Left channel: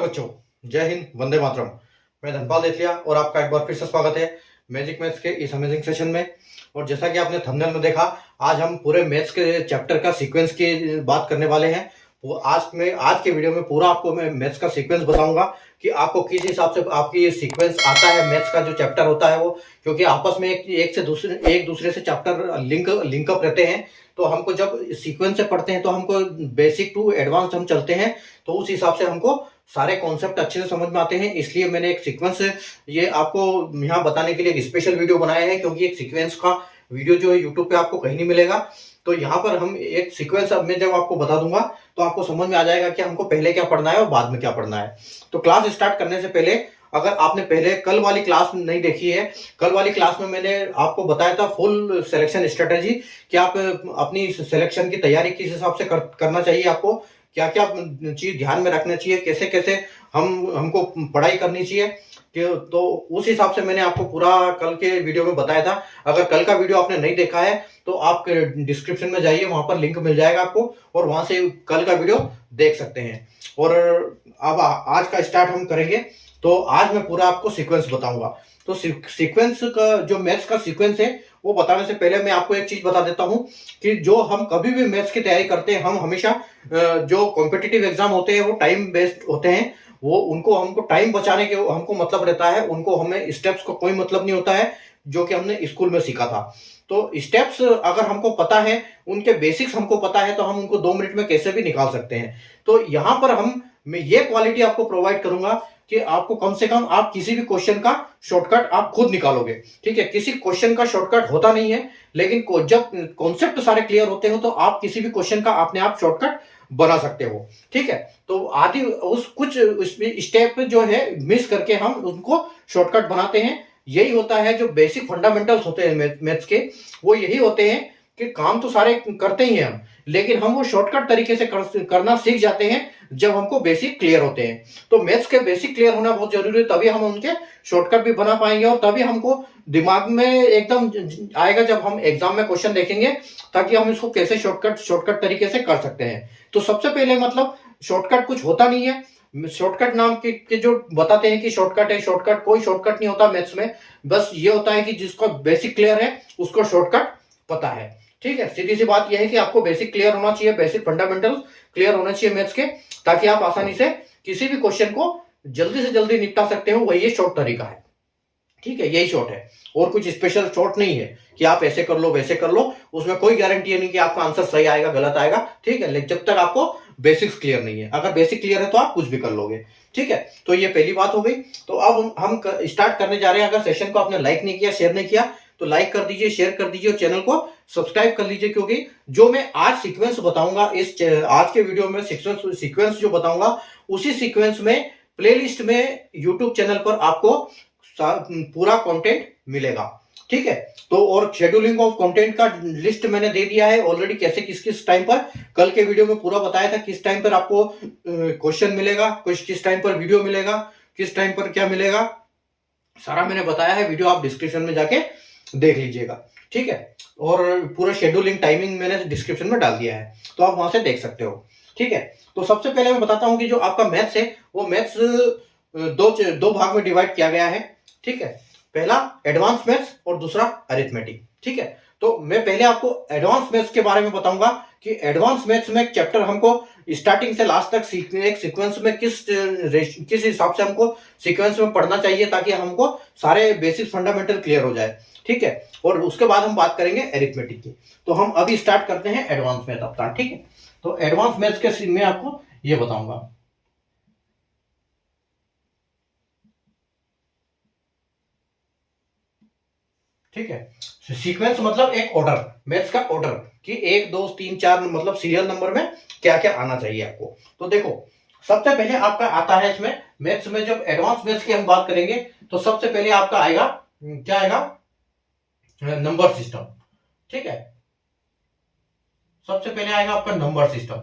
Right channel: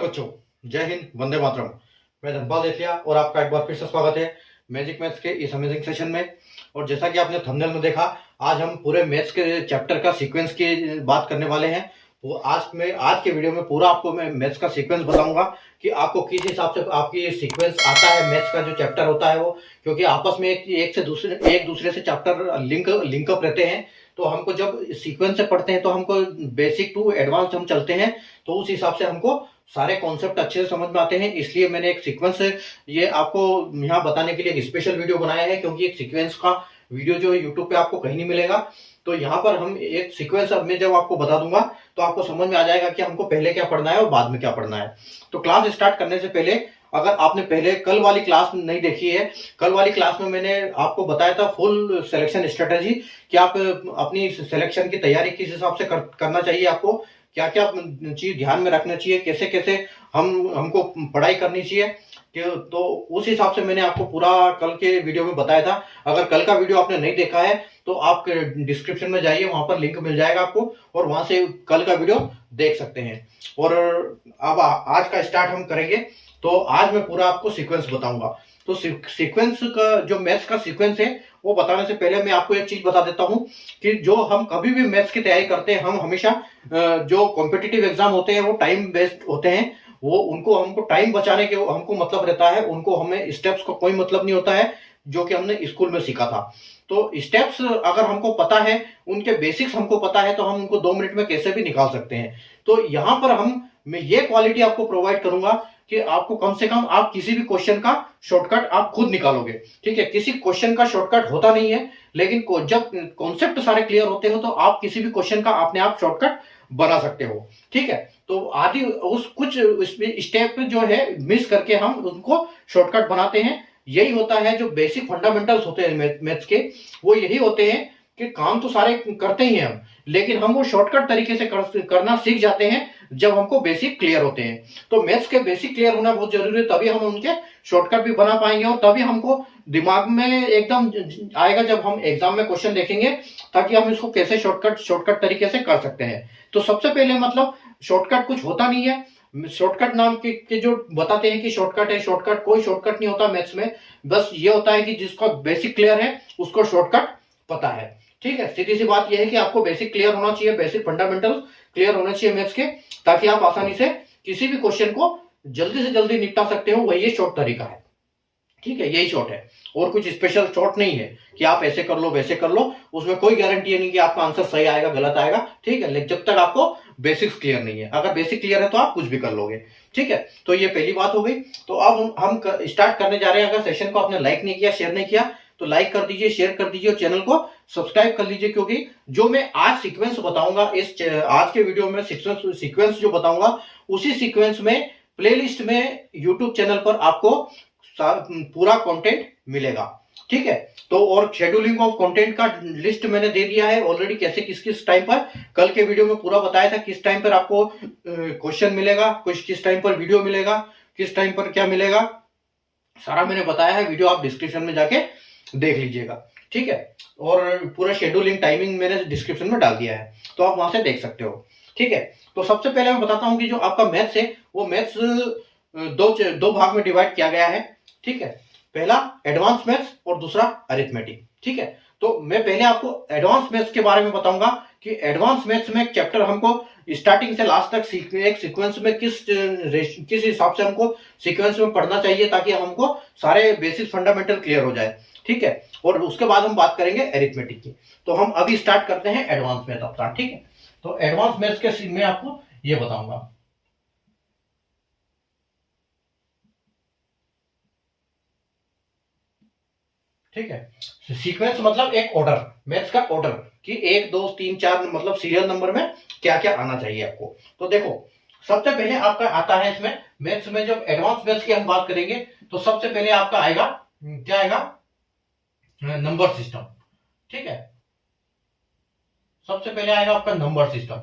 नमस्ते बच्चों, जय हिंद, वंदे मातरम। मैं धनपाल देथिया और आपका एक बार फिर से स्वागत है मैजिक मैथ्स के इस अमेजिंग सेशन में। और जैसा कि आपने थंबनेल में देखा, आज हम पूरे मैथ्स के चैप्टर का सीक्वेंस की बात करने वाले हैं। वो आज के वीडियो में पूरा आपको मैं मैथ्स का सीक्वेंस बताऊंगा कि आपको किस हिसाब से आपकी सीक्वेंस आता है। मैथ्स का जो चैप्टर होता है वो, क्योंकि आपस में एक दूसरे से चैप्टर लिंकअप रहते हैं। तो हमको जब सीक्वेंस से पढ़ते हैं तो हमको बेसिक टू एडवांस हम चलते हैं, तो उस हिसाब से हमको सारे कॉन्सेप्ट अच्छे से समझ में आते हैं। इसलिए मैंने एक सीक्वेंस ये आपको यहाँ बताने के लिए एक स्पेशल वीडियो बनाया है, क्योंकि एक सीक्वेंस का वीडियो जो है यूट्यूब पे आपको कहीं नहीं मिलेगा। तो यहाँ पर हम एक सीक्वेंस अब मैं जब आपको बता दूंगा तो आपको समझ में आ जाएगा कि हमको पहले क्या पढ़ना है और बाद में क्या पढ़ना है। तो क्लास स्टार्ट करने से पहले, अगर आपने पहले कल वाली क्लास नहीं देखी है, कल वाली क्लास में मैंने आपको बताया था फुल सिलेक्शन स्ट्रेटेजी कि आप अपनी सिलेक्शन की तैयारी किस हिसाब से करना चाहिए, आपको क्या क्या चीज ध्यान में रखना चाहिए, कैसे कैसे हमको पढ़ाई करनी चाहिए। तो उस हिसाब से मैंने आपको पूरा कल के वीडियो में बताया था। अगर कल का वीडियो आपने नहीं देखा है तो आप डिस्क्रिप्शन में जाइए, वहां पर लिंक मिल जाएगा आपको, और वहां से कल का वीडियो देख सकते हैं। और अब आज का स्टार्ट हम करेंगे। तो आज मैं पूरा आपको सीक्वेंस बताऊंगा। तो सीक्वेंस का जो मैथ्स का सीक्वेंस है वो बताने से पहले मैं आपको एक चीज बता देता हूं कि जो हम कभी भी मैथ्स की तैयारी करते हैं, हम हमेशा जो कॉम्पिटिटिव एग्जाम होते हैं वो टाइम बेस्ड होते हैं। वो उनको हमको टाइम बचाने के हमको मतलब रहता है, उनको हमें स्टेप्स को कोई मतलब नहीं होता है, जो कि हमने स्कूल में सीखा था। तो स्टेप्स अगर हमको पता है, उनके बेसिक्स हमको पता है, तो हम उनको 2 मिनट में कैसे भी निकाल सकते हैं। तो यहां पर मैं ये क्वालिटी आपको प्रोवाइड करूंगा कि आपको कम से कम आप किसी भी क्वेश्चन का शॉर्टकट आप खुद निकालोगे। ठीक है, किसी क्वेश्चन का शॉर्टकट होता नहीं है, लेकिन जब कॉन्सेप्ट सारे क्लियर होते हो तो आप किसी भी क्वेश्चन का अपने आप शॉर्टकट बना सकते हो। ठीक है, तो आदि उस कुछ स्टेप जो है मिस करके हम उनको शॉर्टकट बनाते हैं। यही होता है जो बेसिक फंडामेंटल्स होते हैं मैथ्स के, वो यही होते हैं कि काम तो सारे करते ही हैं हम, लेकिन हम वो शॉर्टकट तरीके से करना सीख जाते हैं जब हमको बेसिक क्लियर होते हैं। तो मैथ्स के बेसिक क्लियर होना बहुत जरूरी है, तभी हम उनके शॉर्टकट भी बना पाएंगे, और तभी हमको दिमाग में एकदम आएगा जब हम एग्जाम में क्वेश्चन देखेंगे, ताकि हम इसको कैसे शॉर्टकट तरीके से कर सकते हैं। तो सबसे पहले मतलब शॉर्टकट कुछ होता नहीं है। शॉर्टकट नाम के जो बताते हैं कि शॉर्टकट है, शॉर्टकट कोई शॉर्टकट नहीं होता मैथ्स में। बस ये होता है कि जिसका बेसिक क्लियर है उसको शॉर्टकट पता है। ठीक है, सीधी सी बात यह है कि आपको बेसिक क्लियर होना चाहिए, बेसिक फंडामेंटल क्लियर होना चाहिए मैथ्स के, ताकि आप आसानी से किसी भी क्वेश्चन को जल्दी से जल्दी निपटा सकते हो। वही ये शॉर्ट तरीका है। ठीक है, यही शॉर्ट है, और कुछ स्पेशल शॉर्ट नहीं है कि आप ऐसे कर लो वैसे कर लो। उसमें कोई गारंटी नहीं कि आपका आंसर सही आएगा गलत आएगा। ठीक है, लेकिन जब तक आपको बेसिक्स क्लियर नहीं है, अगर बेसिक क्लियर है तो आप कुछ भी कर लोगे। ठीक है, तो ये पहली बात हो गई। तो अब हम स्टार्ट करने जा रहे हैं। अगर सेशन को आपने लाइक नहीं किया, शेयर नहीं किया, तो लाइक कर दीजिए, शेयर कर दीजिए, और चैनल को सब्सक्राइब कर लीजिए, क्योंकि जो मैं आज सीक्वेंस बताऊंगा, आज के वीडियो में सीक्वेंस जो बताऊंगा, उसी सीक्वेंस में प्लेलिस्ट में यूट्यूब चैनल पर आपको पूरा कंटेंट मिलेगा। ठीक है, तो और शेड्यूलिंग ऑफ कंटेंट का लिस्ट मैंने दे दिया है ऑलरेडी, कैसे किस किस टाइम पर, कल के वीडियो में पूरा बताया था किस टाइम पर आपको क्वेश्चन मिलेगा, किस टाइम पर वीडियो मिलेगा, किस टाइम पर क्या मिलेगा, सारा मैंने बताया है। वीडियो आप डिस्क्रिप्शन में जाके देख लीजिएगा। ठीक है, और पूरा शेड्यूलिंग टाइमिंग मैंने डिस्क्रिप्शन में डाल दिया है, तो आप वहां से देख सकते हो। ठीक है, तो सबसे पहले मैं बताता हूं कि जो आपका मैथ्स है वो मैथ्स दो भाग में डिवाइड किया गया है। ठीक है, पहला एडवांस मैथ्स और दूसरा अरिथमेटिक। ठीक है, तो मैं पहले आपको एडवांस मैथ्स के बारे में बताऊंगा कि एडवांस मैथ्स में चैप्टर हमको स्टार्टिंग से लास्ट तक एक सीक्वेंस में किस हिसाब से हमको सीक्वेंस में पढ़ना चाहिए, ताकि हमको सारे बेसिक फंडामेंटल क्लियर हो जाए। ठीक है, और उसके बाद हम बात करेंगे अरिथमेटिक की। तो हम अभी स्टार्ट करते हैं एडवांस मैथ अपना। ठीक है, तो एडवांस मैथ्स के मैं आपको ये बताऊंगा। ठीक है, सीक्वेंस मतलब एक ऑर्डर, मैथ्स का ऑर्डर कि 1 2 3 4 मतलब सीरियल नंबर में क्या क्या आना चाहिए आपको। तो देखो, सबसे पहले आपका आता है इसमें मैथ्स में, जब एडवांस मैथ्स की हम बात करेंगे तो सबसे पहले आपका आएगा, क्या आएगा, नंबर सिस्टम। ठीक है, सबसे पहले आएगा आपका नंबर सिस्टम।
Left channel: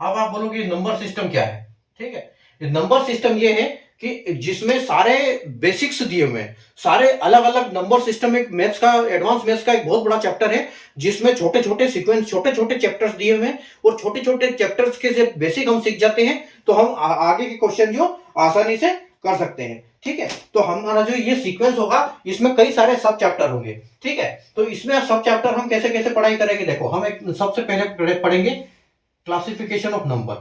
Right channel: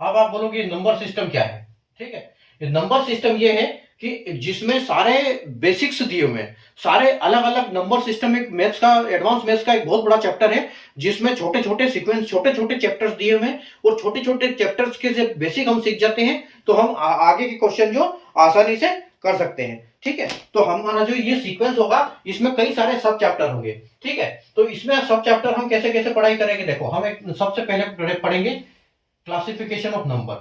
अब आप बोलोगे नंबर सिस्टम क्या है। ठीक है, नंबर सिस्टम ये है कि जिसमें सारे बेसिक्स दिए हुए हैं, सारे अलग अलग नंबर सिस्टम, एक मैथ्स का, एडवांस मैथ्स का एक बहुत बड़ा चैप्टर है जिसमें छोटे छोटे सीक्वेंस, छोटे छोटे चैप्टर्स दिए हुए हैं, और छोटे छोटे चैप्टर्स के जब बेसिक हम सीख जाते हैं तो हम आगे के क्वेश्चन जो आसानी से कर सकते हैं। ठीक है, तो हमारा जो ये सीक्वेंस होगा इसमें कई सारे सब चैप्टर होंगे। ठीक है, तो इसमें सब चैप्टर हम कैसे कैसे पढ़ाई करेंगे, देखो हम एक सबसे पहले पढ़ेंगे classification of number,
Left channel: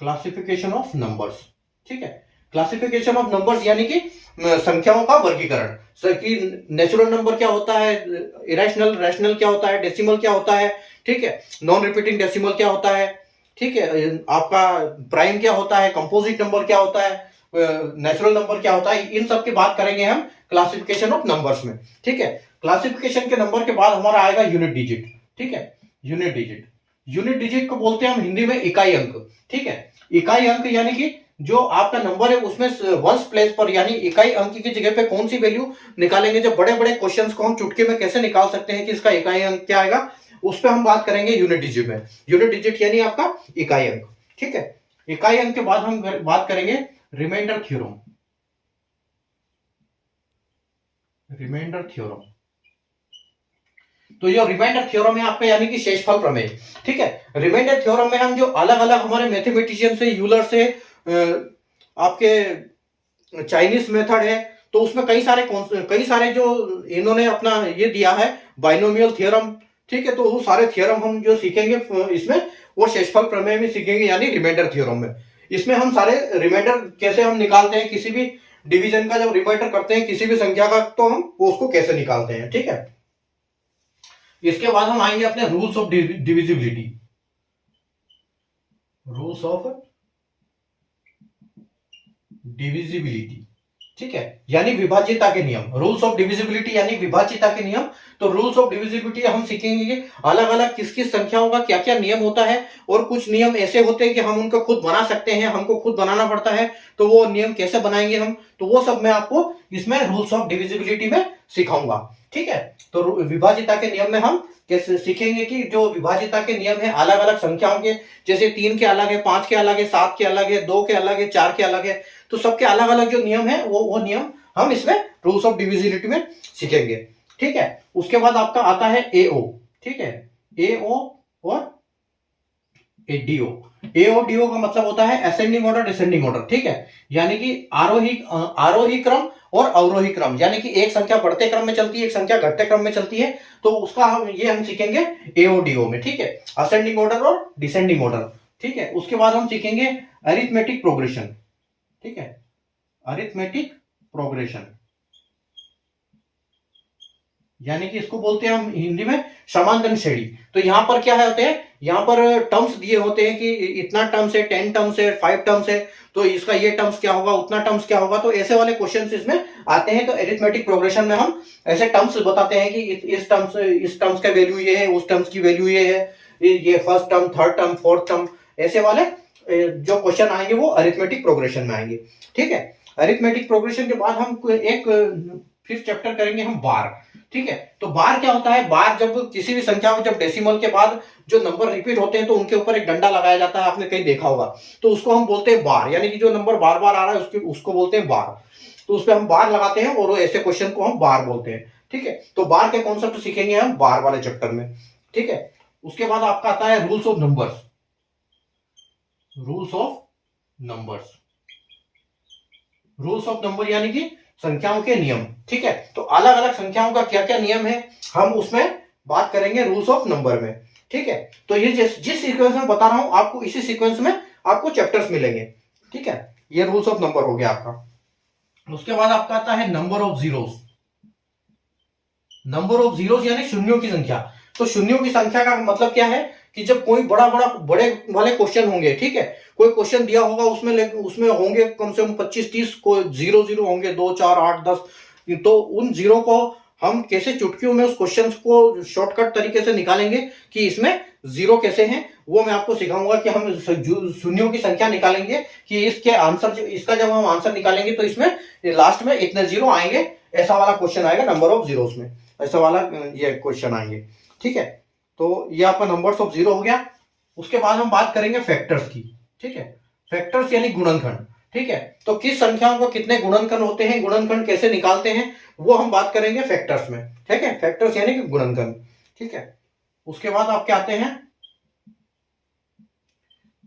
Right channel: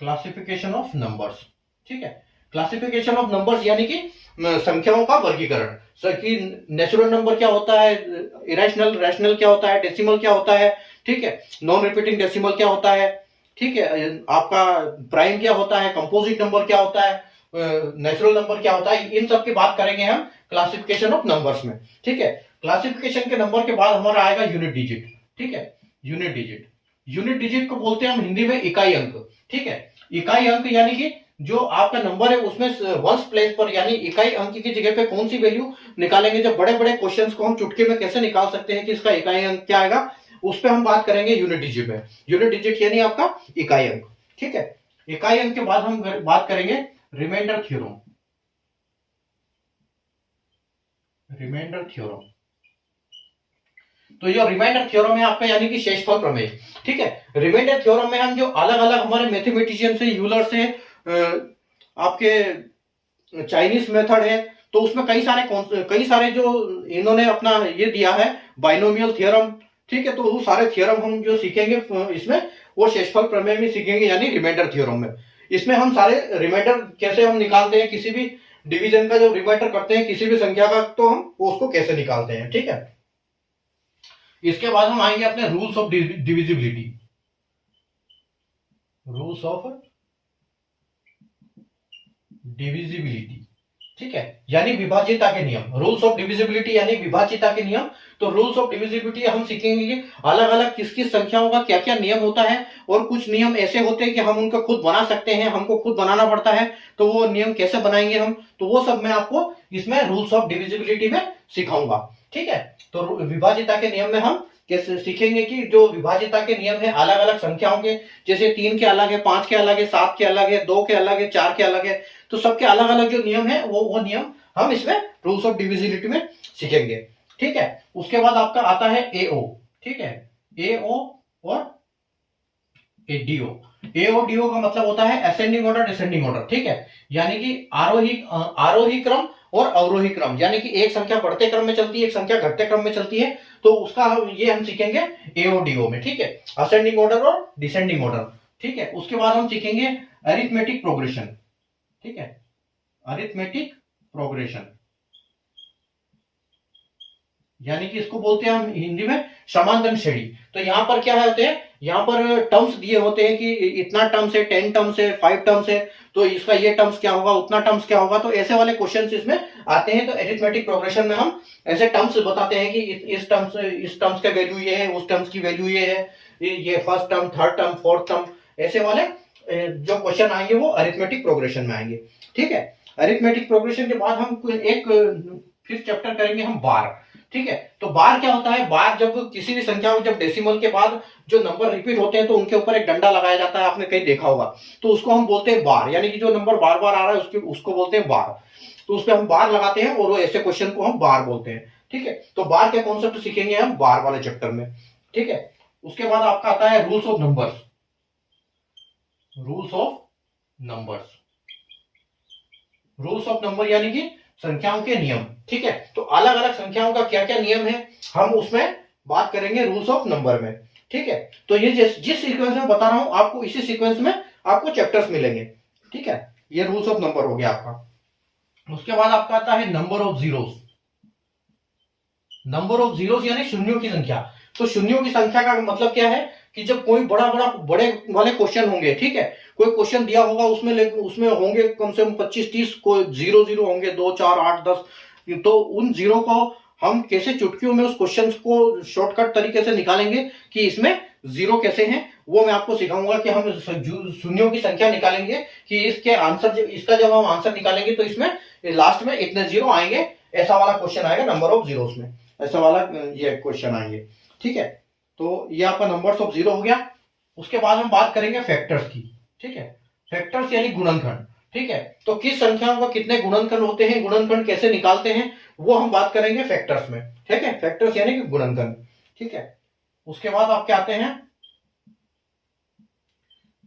classification of numbers. ठीक है, क्लासिफिकेशन ऑफ नंबर्स यानी कि संख्याओं का वर्गीकरण, कि नेचुरल नंबर क्या होता है, इरेशनल, रैशनल क्या होता है, डेसिमल क्या होता है, ठीक है, नॉन रिपीटिंग डेसिमल क्या होता है, ठीक है, आपका प्राइम क्या होता है, कंपोजिट नंबर क्या होता है, नेचुरल नंबर क्या होता है, इन सब की बात करेंगे हम क्लासिफिकेशन ऑफ नंबर्स में। ठीक है, क्लासिफिकेशन के नंबर के बाद हमारा आएगा यूनिट डिजिट। ठीक है, यूनिट डिजिट, यूनिट डिजिट को बोलते हैं हम हिंदी में इकाई अंक। ठीक है, इकाई अंक यानी कि जो आपका नंबर है उसमें वंस प्लेस पर, यानी इकाई अंक की जगह पे कौन सी वैल्यू निकालेंगे, जो बड़े बड़े क्वेश्चंस को हम चुटकी में कैसे निकाल सकते हैं कि इसका इकाई अंक क्या आएगा, उस पर हम बात करेंगे यूनिट डिजिट में। यूनिट डिजिट यानी आपका इकाई अंक। ठीक है, इकाई अंक के बाद हम बात करेंगे रिमाइंडर थ्योरम, रिमाइंडर थ्योरम। तो ये रिमाइंडर थ्योरम है आपका, यानी कि शेषफल प्रमेय। ठीक है, रिमाइंडर थ्योरम में हम जो अलग अलग हमारे मैथमेटिशियन से, यूलर से, आपके चाइनीज मेथड है, तो उसमें कई सारे जो इन्होंने अपना ये दिया है बाइनोमियल थ्योरम। ठीक है, तो वो सारे थ्योरम हम जो सीखेंगे इसमें, वो शेषफल प्रमेय में सीखेंगे, यानी रिमाइंडर थ्योरम में। इसमें हम सारे रिमाइंडर कैसे हम निकालते हैं, किसी भी डिवीजन का जब रिमाइंडर करते हैं किसी भी संख्या का, तो हम उसको कैसे निकालते हैं। ठीक है, इसके बाद हम आएंगे अपने rules of divisibility, rules of divisibility. ठीक है, यानी विभाज्यता के नियम, रूल्स ऑफ डिविजिबिलिटी यानी विभाज्यता के नियम। तो रूल्स ऑफ डिविजिबिलिटी हम सीखेंगे कि अलग अलग किस किस संख्याओं का क्या क्या नियम होता है, और कुछ नियम ऐसे होते हैं कि हम उनको खुद बना सकते हैं, हमको खुद बनाना पड़ता है, तो वो नियम कैसे बनाएंगे हम, तो वो सब मैं आपको इसमें रूल्स ऑफ डिविजिबिलिटी में सिखाऊंगा। ठीक है, तो विभाज्यता के नियम में हम कैसे सीखेंगे कि जो विभाज्यता के नियम है अलग अलग संख्याओं के, जैसे 3 के अलग है, 5 के अलग है, 7 के अलग है, 2 के अलग है, 4 के अलग है, तो सबके अलग अलग जो नियम है वो नियम हम इसमें रूल्स ऑफ डिविजिबिलिटी में सीखेंगे। ठीक है, उसके बाद आपका आता है एओ। ठीक है, एओ और एडीओ। एओ डीओ का मतलब होता है असेंडिंग ऑर्डर, डिसेंडिंग ऑर्डर। ठीक है, यानी कि आरोही क्रम और अवरोही क्रम, यानी कि एक संख्या बढ़ते क्रम में चलती है, एक संख्या घटते क्रम में चलती है, तो उसका ये हम सीखेंगे एओडीओ में। ठीक है, असेंडिंग ऑर्डर और डिसेंडिंग ऑर्डर। ठीक है, उसके बाद हम सीखेंगे अरिथमेटिक प्रोग्रेशन। ठीक है, अरिथमेटिक प्रोग्रेशन यानी कि इसको बोलते हैं हम हिंदी में समांतर श्रेणी। तो यहाँ पर क्या होते हैं, यहाँ पर टर्म्स दिए होते हैं कि इतना टर्म्स है, 10 टर्म्स है, 5 टर्म्स है, तो इसका ये टर्म्स क्या होगा, उतना टर्म्स क्या होगा, तो ऐसे वाले क्वेश्चंस इसमें आते हैं। तो अरिथमेटिक प्रोग्रेशन में हम ऐसे टर्म्स बताते हैं कि इस टर्म्स का वैल्यू ये है, उस टर्म्स की वैल्यू ये है, ये first term, third term, fourth term, ऐसे वाले जो क्वेश्चन आएंगे वो अरिथमेटिक प्रोग्रेशन में आएंगे। ठीक है, अरिथमेटिक प्रोग्रेशन के बाद हम एक फिर चैप्टर करेंगे हम बार। ठीक है, तो बार क्या होता है, बार जब किसी भी संख्या में जब डेसिमल के बाद जो नंबर रिपीट होते हैं तो उनके ऊपर एक डंडा लगाया जाता है, आपने कहीं देखा होगा, तो उसको हम बोलते हैं बार, यानी कि जो नंबर बार बार आ रहा है उसको बोलते हैं बार। तो उस पर हम बार लगाते हैं और ऐसे क्वेश्चन को हम बार बोलते हैं। ठीक है, तो बार के कॉन्सेप्ट सीखेंगे हम बार वाले चैप्टर में। ठीक है, उसके बाद आपका आता है rules of numbers, rules of numbers, rules of number यानी कि संख्याओं के नियम। ठीक है, तो अलग अलग संख्याओं का क्या क्या नियम है हम उसमें बात करेंगे रूल्स ऑफ नंबर में। ठीक है, तो ये जिस सीक्वेंस में बता रहा हूं आपको, इसी सीक्वेंस में आपको चैप्टर्स मिलेंगे। ठीक है, ये रूल्स ऑफ नंबर हो गया आपका। उसके बाद आपका आता है number of zeros, number of zeros यानी शून्यों की संख्या। तो शून्यों की संख्या का मतलब क्या है कि जब कोई बड़े वाले क्वेश्चन होंगे, ठीक है, कोई क्वेश्चन दिया होगा उसमें होंगे कम से कम 25-30 को जीरो जीरो होंगे, 2 4 8 10, तो उन जीरो को हम कैसे चुटकियों में उस क्वेश्चन को शॉर्टकट तरीके से निकालेंगे कि इसमें जीरो कैसे हैं, वो मैं आपको सिखाऊंगा कि हम शून्यों की संख्या निकालेंगे कि इसके आंसर, इसका जब हम आंसर निकालेंगे तो इसमें लास्ट में इतने जीरो आएंगे, ऐसा वाला क्वेश्चन आएगा नंबर ऑफ जीरोस में, ऐसा वाला ये क्वेश्चन आएंगे। ठीक है, तो ये आपका नंबर्स ऑफ जीरो हो गया। उसके बाद हम बात करेंगे फैक्टर्स की। ठीक है, फैक्टर्स यानी गुणनखंड। ठीक है। तो किस संख्याओं को कितने गुणनखंड होते हैं, गुणनखंड कैसे निकालते हैं, वो हम बात करेंगे फैक्टर्स में। ठीक है, फैक्टर्स यानी कि गुणनखंड। ठीक है, उसके बाद आपके आते हैं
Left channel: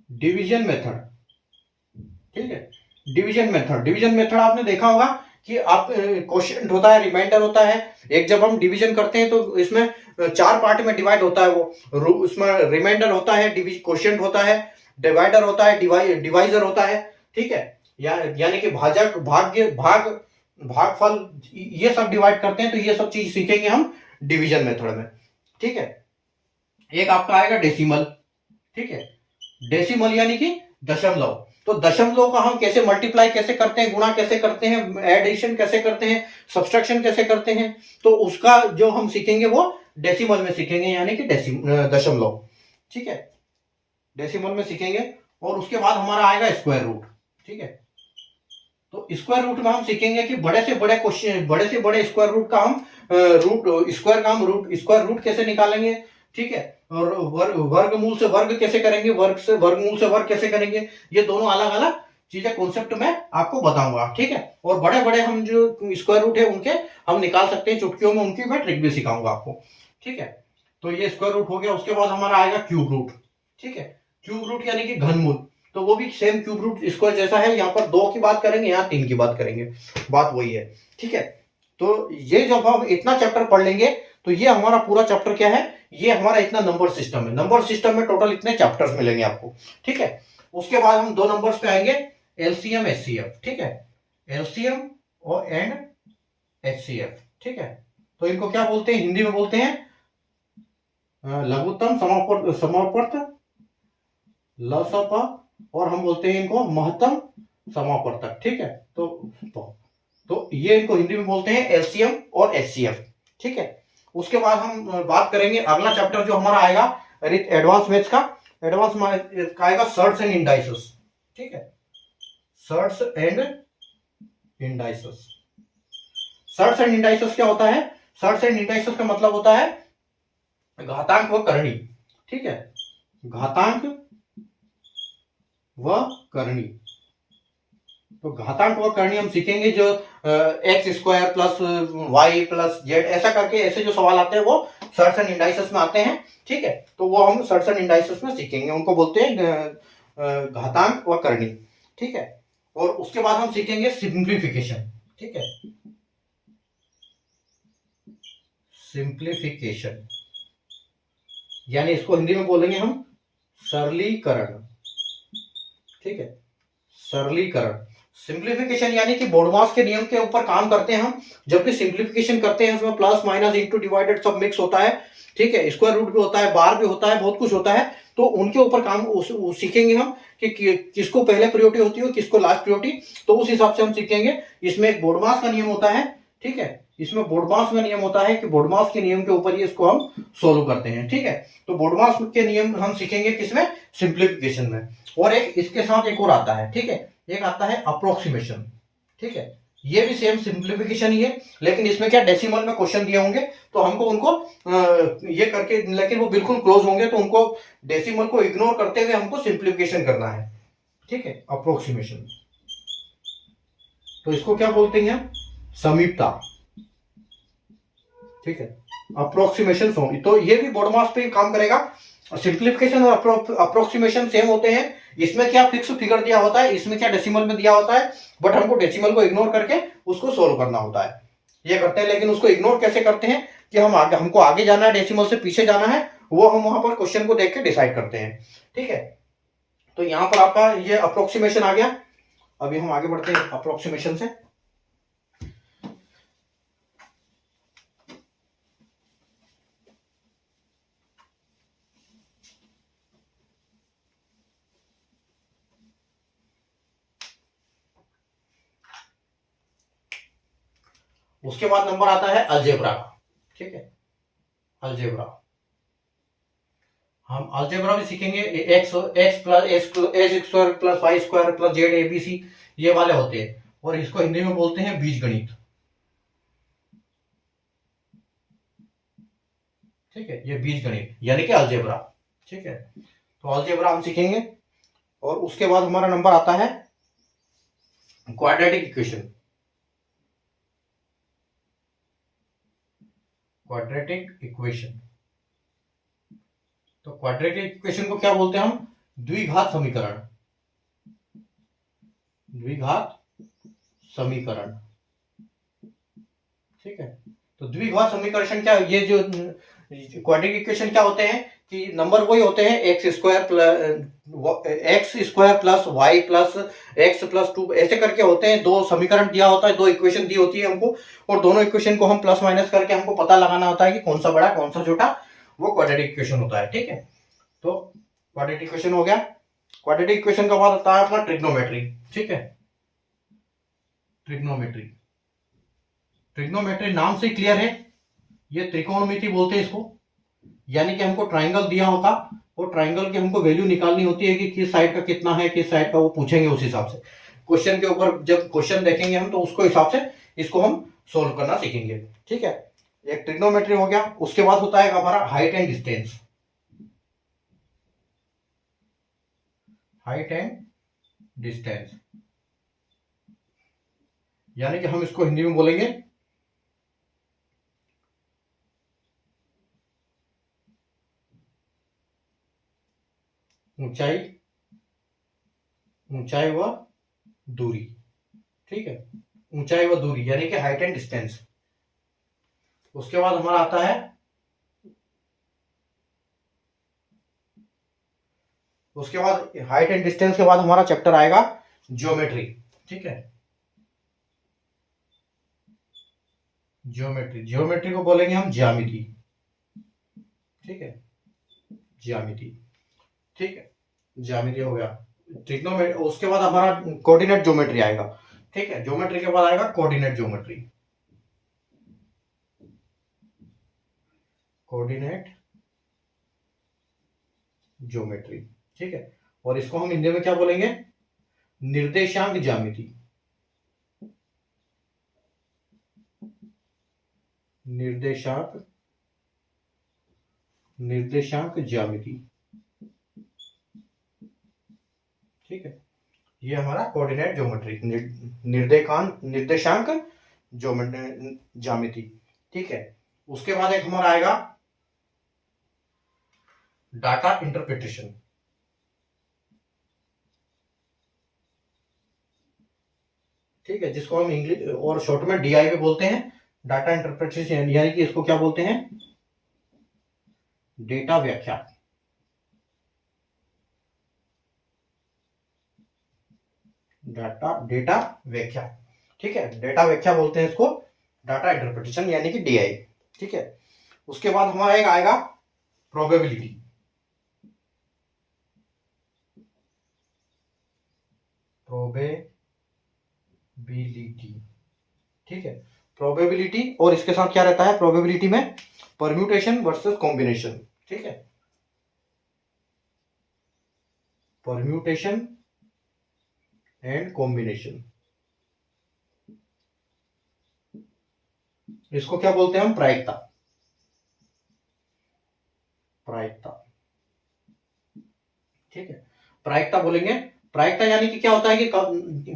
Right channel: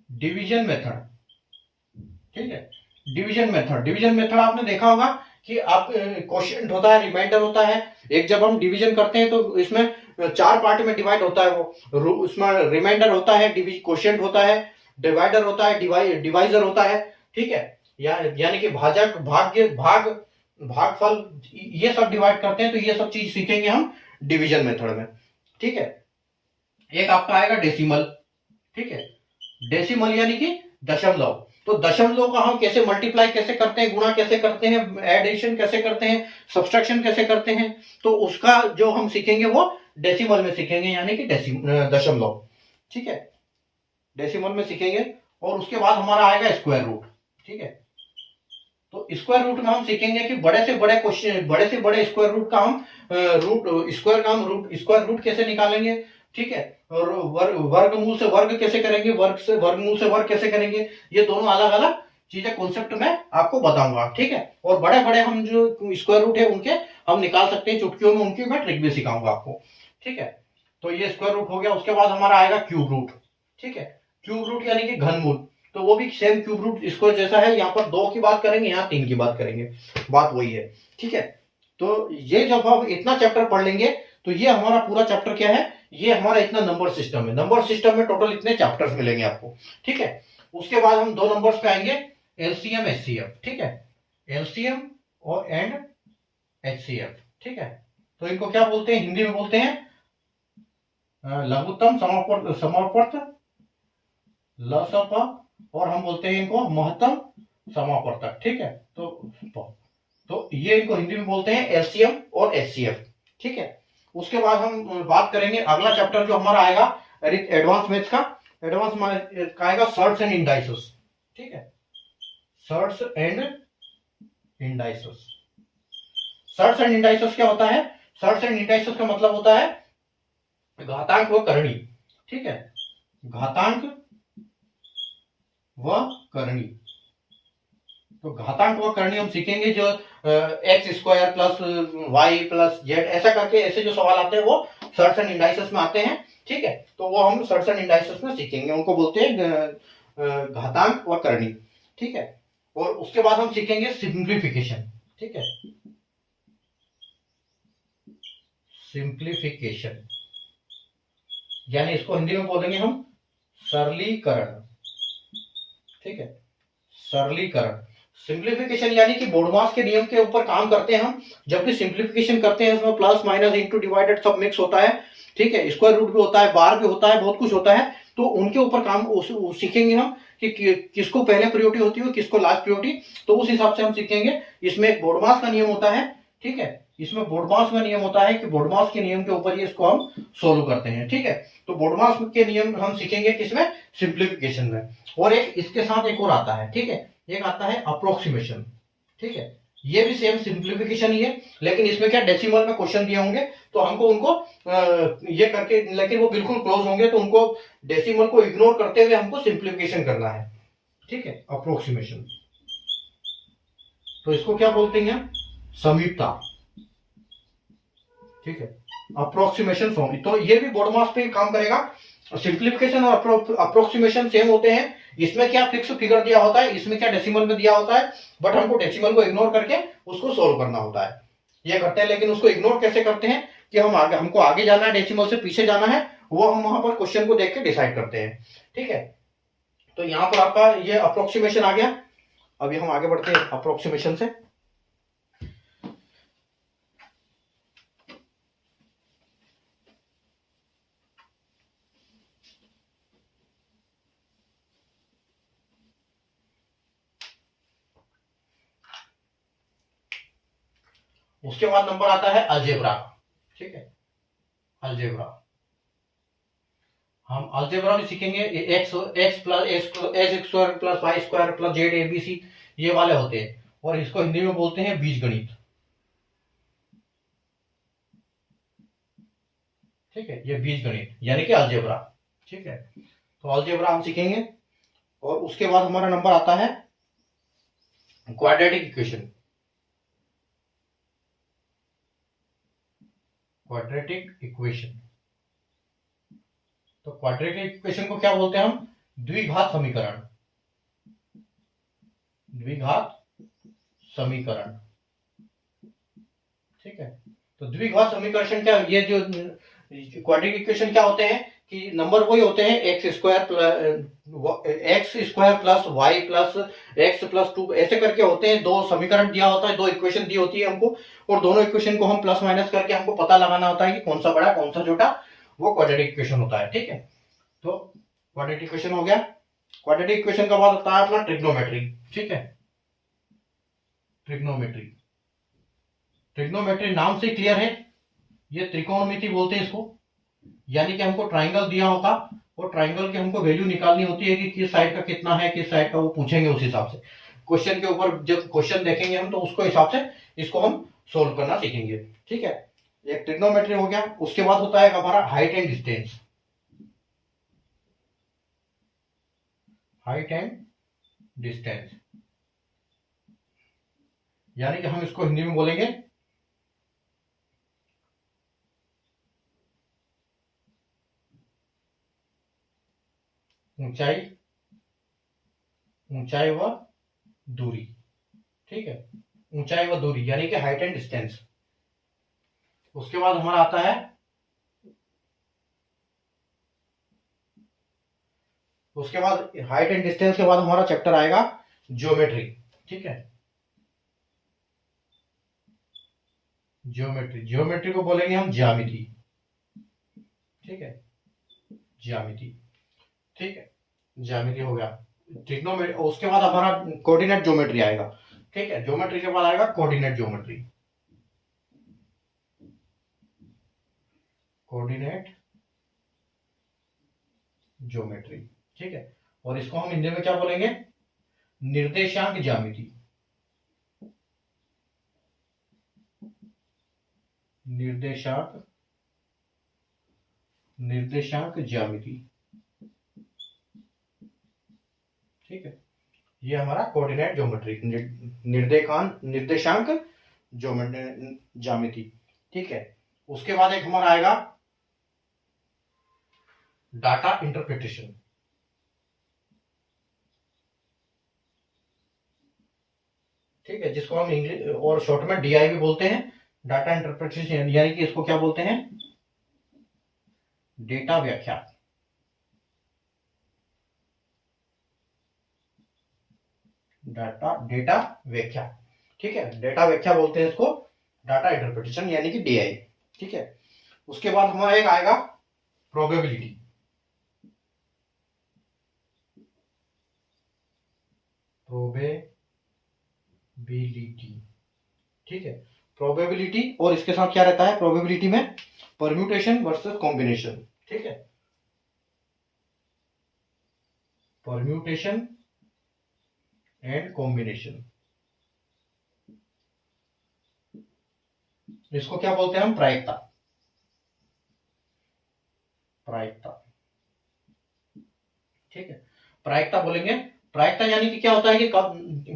डिवीजन मेथड। ठीक है, डिवीजन मेथड, डिवीजन मेथड आपने देखा होगा कि आप क्वोशिएंट होता है, रिमाइंडर होता है। एक जब हम डिवीजन करते हैं तो इसमें 4 पार्ट में डिवाइड होता है वो। उसमें रिमाइंडर होता है, क्वोशिएंट होता है, डिवाइडर होता है, डिवाइजर होता है। ठीक है, यानी कि भाजक, भाग्य, भागफल, ये सब डिवाइड करते हैं। तो ये सब चीज सीखेंगे हम डिवीजन मेथड में। ठीक है, एक आपका आएगा डेसिमल। ठीक है, डेसिमल यानी कि दशमलव। तो दशमलव का हम कैसे मल्टीप्लाई कैसे करते हैं, गुणा कैसे करते हैं, एडिशन कैसे करते हैं, सब्सट्रैक्शन कैसे करते हैं, तो उसका जो हम सीखेंगे वो डेसिमल में सीखेंगे, यानी कि दशमलव। ठीक है, डेसिमल में सीखेंगे। और उसके बाद हमारा आएगा स्क्वायर रूट। ठीक है, तो स्क्वायर रूट में हम सीखेंगे कि बड़े से बड़े क्वेश्चन, बड़े से बड़े स्क्वायर रूट का हम स्क्वायर रूट कैसे निकालेंगे। ठीक है, और वर्गमूल से वर्ग कैसे करेंगे, वर्ग से वर्गमूल से वर्ग कैसे करेंगे, ये दोनों अलग अलग चीजें कॉन्सेप्ट में आपको बताऊंगा। ठीक है, और बड़े बड़े हम जो स्क्वायर रूट है उनके हम निकाल सकते हैं चुटकियों में, उनकी मैं ट्रिक भी सिखाऊंगा आपको। ठीक है, तो ये स्क्वायर रूट हो गया। उसके बाद हमारा आएगा क्यूब रूट। ठीक है, क्यूब रूट यानी कि घनमूल। तो वो भी सेम क्यूब रूट स्क्वायर जैसा है। यहाँ पर 2 की बात करेंगे, यहाँ 3 की बात करेंगे, बात वही है। ठीक है, तो ये जब हम इतना चैप्टर पढ़ लेंगे तो ये हमारा पूरा चैप्टर क्या है, ये हमारा इतना नंबर सिस्टम है। नंबर सिस्टम में टोटल इतने चैप्टर्स मिलेंगे आपको। ठीक है, उसके बाद हम 2 नंबर्स पे आएंगे, एलसीएम एचसीएफ। ठीक है, एलसीएम और एंड एचसीएफ। ठीक है, तो इनको क्या बोलते हैं, हिंदी में बोलते हैं लघुत्तम समापवर्त लसप, और हम बोलते हैं इनको महत्तम समापवर्तक। ठीक है, तो ये इनको हिंदी में बोलते हैं एलसीएम और एचसीएफ। ठीक है, उसके बाद हम बात करेंगे अगला चैप्टर जो हमारा आएगा एडवांस मैथ्स का। एडवांस मैथ्स का आएगा सर्ट्स एंड इंडाइसेस। ठीक है, shirts and indices. Shirts and indices क्या होता है, सर्ट्स एंड इंडाइसेस का मतलब होता है घातांक व करणी। ठीक है, घातांक व करणी। तो घातांक व करणी हम सीखेंगे, जो x square plus y plus z ऐसा करके ऐसे जो सवाल आते हैं वो सर्ट्स एंड इंडाइसेस में आते हैं। ठीक है, तो वो हम सर्ट्स एंड इंडाइसेस में सीखेंगे, उनको बोलते हैं घातांक व करणी। ठीक है, और उसके बाद हम सीखेंगे सिंप्लीफिकेशन। ठीक है, सिंप्लीफिकेशन यानी इसको हिंदी में बोलेंगे हम सरलीकरण। ठीक है, सरलीकरण। सिंप्लीफिकेशन यानी कि बोडमास के नियम के ऊपर काम करते हैं हम। जब भी सिंप्लीफिकेशन करते हैं उसमें प्लस माइनस इंटू डिवाइडेड सब मिक्स होता है। ठीक है, स्क्वायर रूट भी होता है, बार भी होता है, बहुत कुछ होता है। तो उनके ऊपर काम सीखेंगे हम कि किसको पहले प्रायोरिटी होती है, किसको लास्ट प्रायोरिटी। तो उस हिसाब से हम सीखेंगे। इसमें एक बोडमास का नियम होता है। ठीक है, इसमें बोडमास का नियम होता है कि बोडमास के नियम के ऊपर ही इसको हम सोल्व करते हैं। ठीक है, तो बोडमास के नियम हम सीखेंगे किसमें, सिंप्लीफिकेशन में। और एक इसके साथ एक और आता है। ठीक है, एक आता है अप्रोक्सीमेशन। ठीक है, ये भी सेम सिंप्लीफिकेशन ही है, लेकिन इसमें क्या डेसिमल में क्वेश्चन दिए होंगे तो हमको उनको ये करके, लेकिन वो बिल्कुल क्लोज होंगे तो उनको डेसिमल को इग्नोर करते हुए हमको सिंप्लीफिकेशन करना है। ठीक है, अप्रोक्सीमेशन। तो इसको क्या बोलते हैं, समीपता। ठीक है, अप्रोक्सीमेशन। तो ये भी बोडमास पे काम करेगा। सिंप्लीफिकेशन और अप्रोक्सीमेशन सेम होते हैं। इसमें क्या फिक्स फिगर दिया होता है, इसमें क्या डेसिमल में दिया होता है, बट हमको डेसिमल को इग्नोर करके उसको सोल्व करना होता है। ये करते हैं, लेकिन उसको इग्नोर कैसे करते हैं कि हमको आगे जाना है, डेसिमल से पीछे जाना है, वो हम वहां पर क्वेश्चन को देख के डिसाइड करते हैं। ठीक है, तो यहां पर आपका ये अप्रोक्सीमेशन आ गया। अभी हम आगे बढ़ते हैं अप्रोक्सीमेशन से। उसके बाद नंबर आता है अलजेब्रा का। ठीक है, अलजेब्रा। हम अलजेब्रा भी सीखेंगे। X plus x square plus y square plus z ABC, ये वाले होते हैं, और इसको हिंदी में बोलते हैं बीजगणित। ठीक है, ये बीजगणित यानी कि अलजेब्रा। ठीक है, तो अलजेब्रा हम सीखेंगे। और उसके बाद हमारा नंबर आता है क्वाड्रेटिक इक्वेशन, क्वाड्रेटिक इक्वेशन, तो क्वाड्रेटिक इक्वेशन को क्या बोलते हैं हम? द्विघात समीकरण, द्विघात समीकरण। ठीक है, तो द्विघात समीकरण क्या, ये जो क्वाड्रेटिक इक्वेशन क्या होते हैं कि नंबर वही होते हैं x square plus y plus x plus 2, ऐसे करके होते हैं। दो समीकरण दिया होता है, दो इक्वेशन दी होती है हमको, और दोनों इक्वेशन को हम प्लस माइनस करके हमको पता लगाना होता है कि कौन सा बड़ा कौन सा छोटा, वो क्वाड्रेटिक इक्वेशन होता है। ठीक है, तो क्वाड्रेटिक इक्वेशन हो गया। क्वाड्रेटिक इक्वेशन का बाद होता है अपना ट्रिग्नोमेट्री। ठीक है, ट्रिग्नोमेट्री, ट्रिग्नोमेट्री नाम से क्लियर है, ये त्रिकोणमिति बोलते हैं इसको। यानी कि हमको ट्राइंगल दिया होगा, वो ट्राइंगल की हमको वैल्यू निकालनी होती है कि किस साइड का कितना है, किस साइड का, वो पूछेंगे उस हिसाब से। क्वेश्चन के ऊपर जब क्वेश्चन देखेंगे हम, तो उसको हिसाब से इसको हम सोल्व करना सीखेंगे। ठीक है, एक ट्रिग्नोमेट्री हो गया। उसके बाद होता है हमारा height and distance, height and distance, यानी कि हम इसको हिंदी में बोलेंगे ऊंचाई, ऊंचाई व दूरी। ठीक है, ऊंचाई व दूरी यानी कि हाइट एंड डिस्टेंस। उसके बाद हमारा आता है, उसके बाद हाइट एंड डिस्टेंस के बाद हमारा चैप्टर आएगा ज्योमेट्री। ठीक है, ज्योमेट्री, ज्योमेट्री को बोलेंगे हम ज्यामिति। ठीक है, ज्यामिति। ठीक है, ज्यामिति हो गया। ट्रिग्नोमेट्री, उसके बाद हमारा कोऑर्डिनेट ज्योमेट्री आएगा। ठीक है, ज्योमेट्री के बाद आएगा कोऑर्डिनेट ज्योमेट्री, कोऑर्डिनेट ज्योमेट्री। ठीक है, और इसको हम हिंदी में क्या बोलेंगे? निर्देशांक ज्यामिति, निर्देशांक, निर्देशांक ज्यामिति। ठीक है, ये हमारा कोऑर्डिनेट ज्योमेट्री, निर्देशांक ज्यामिति। ठीक है, उसके बाद एक हमारा आएगा डाटा इंटरप्रिटेशन। ठीक है, जिसको हम इंग्लिश और शॉर्ट में डीआई भी बोलते हैं, डाटा इंटरप्रिटेशन, यानी कि इसको क्या बोलते हैं? डेटा व्याख्या। डेटा व्याख्या। ठीक है, डेटा व्याख्या बोलते हैं इसको, डाटा इंटरप्रिटेशन यानी कि डीआई। ठीक है, उसके बाद हमारा एक आएगा प्रोबेबिलिटी, प्रोबेबिलिटी। ठीक है, प्रोबेबिलिटी, और इसके साथ क्या रहता है प्रोबेबिलिटी में? Permutation versus combination. ठीक है, परम्यूटेशन एंड कॉम्बिनेशन, इसको क्या बोलते हैं हम? प्रायिकता, प्रायिकता। ठीक है, प्रायिकता बोलेंगे। प्रायिकता यानी कि क्या होता है कि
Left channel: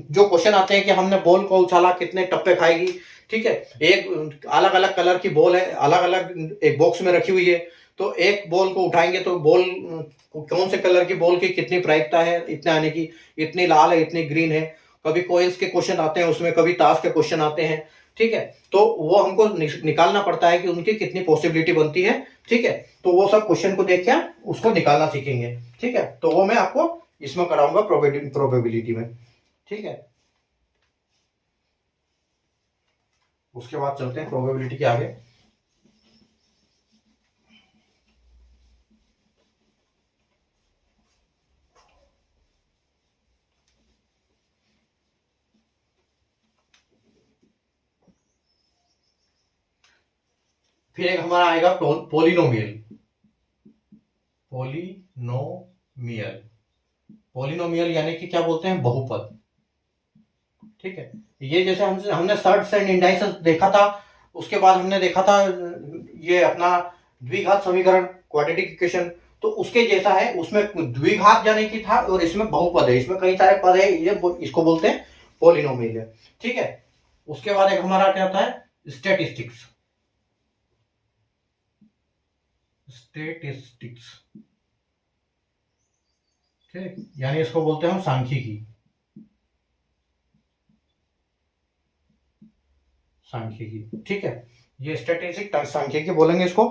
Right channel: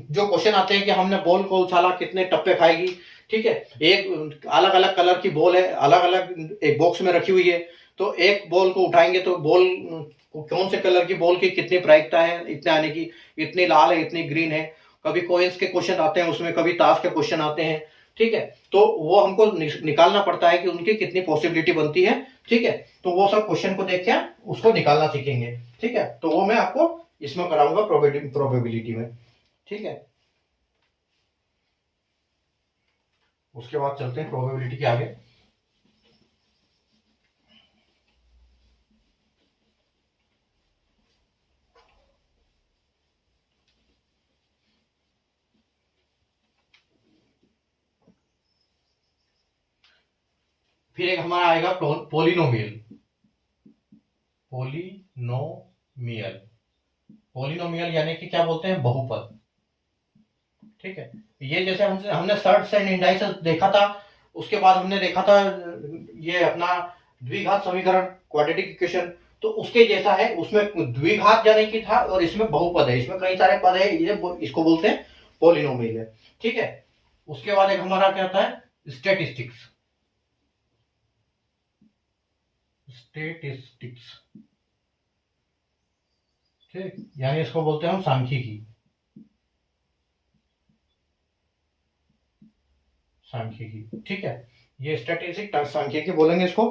जो क्वेश्चन आते हैं कि हमने बॉल को उछाला, कितने टप्पे खाएगी। ठीक है, एक अलग अलग कलर की बॉल है, अलग अलग एक बॉक्स में रखी हुई है, तो एक बॉल को उठाएंगे तो बॉल कौन से कलर की बॉल की कितनी प्रायिकता है, इतने आने की, इतनी लाल है, इतनी ग्रीन है। कभी कॉइन्स के क्वेश्चन आते हैं उसमें, कभी ताश के क्वेश्चन आते हैं। ठीक है, तो वो हमको निकालना पड़ता है कि उनकी कितनी पॉसिबिलिटी बनती है। ठीक है, तो वो सब क्वेश्चन को देख के उसको निकालना सीखेंगे। ठीक है, तो वो मैं आपको इसमें कराऊंगा प्रोबेबिलिटी में। ठीक है, उसके बाद चलते हैं प्रोबेबिलिटी के आगे। फिर एक हमारा आएगा पोलिनोमियल, पोलिनोमियल, पोलिनोमियल यानी कि क्या बोलते हैं? बहुपद। ठीक है, ये जैसे हमने सर्ट्स एंड इंडाइसेस देखा था, उसके बाद हमने देखा था ये अपना द्विघात समीकरण, क्वाड्रेटिक इक्वेशन, तो उसके जैसा है। उसमें द्विघात यानी कि था, और इसमें बहुपद है, इसमें कई सारे पद है, ये इसको बोलते हैं पॉलिनोमियल है। ठीक है, उसके बाद एक हमारा क्या आता है, स्टेटिस्टिक्स। स्टेटिस्टिक्स, ठीक, यानी इसको बोलते हैं हम सांख्यिकी। सांख्यिकी, ठीक है, ये स्टैटिस्टिक सांख्यिकी बोलेंगे इसको।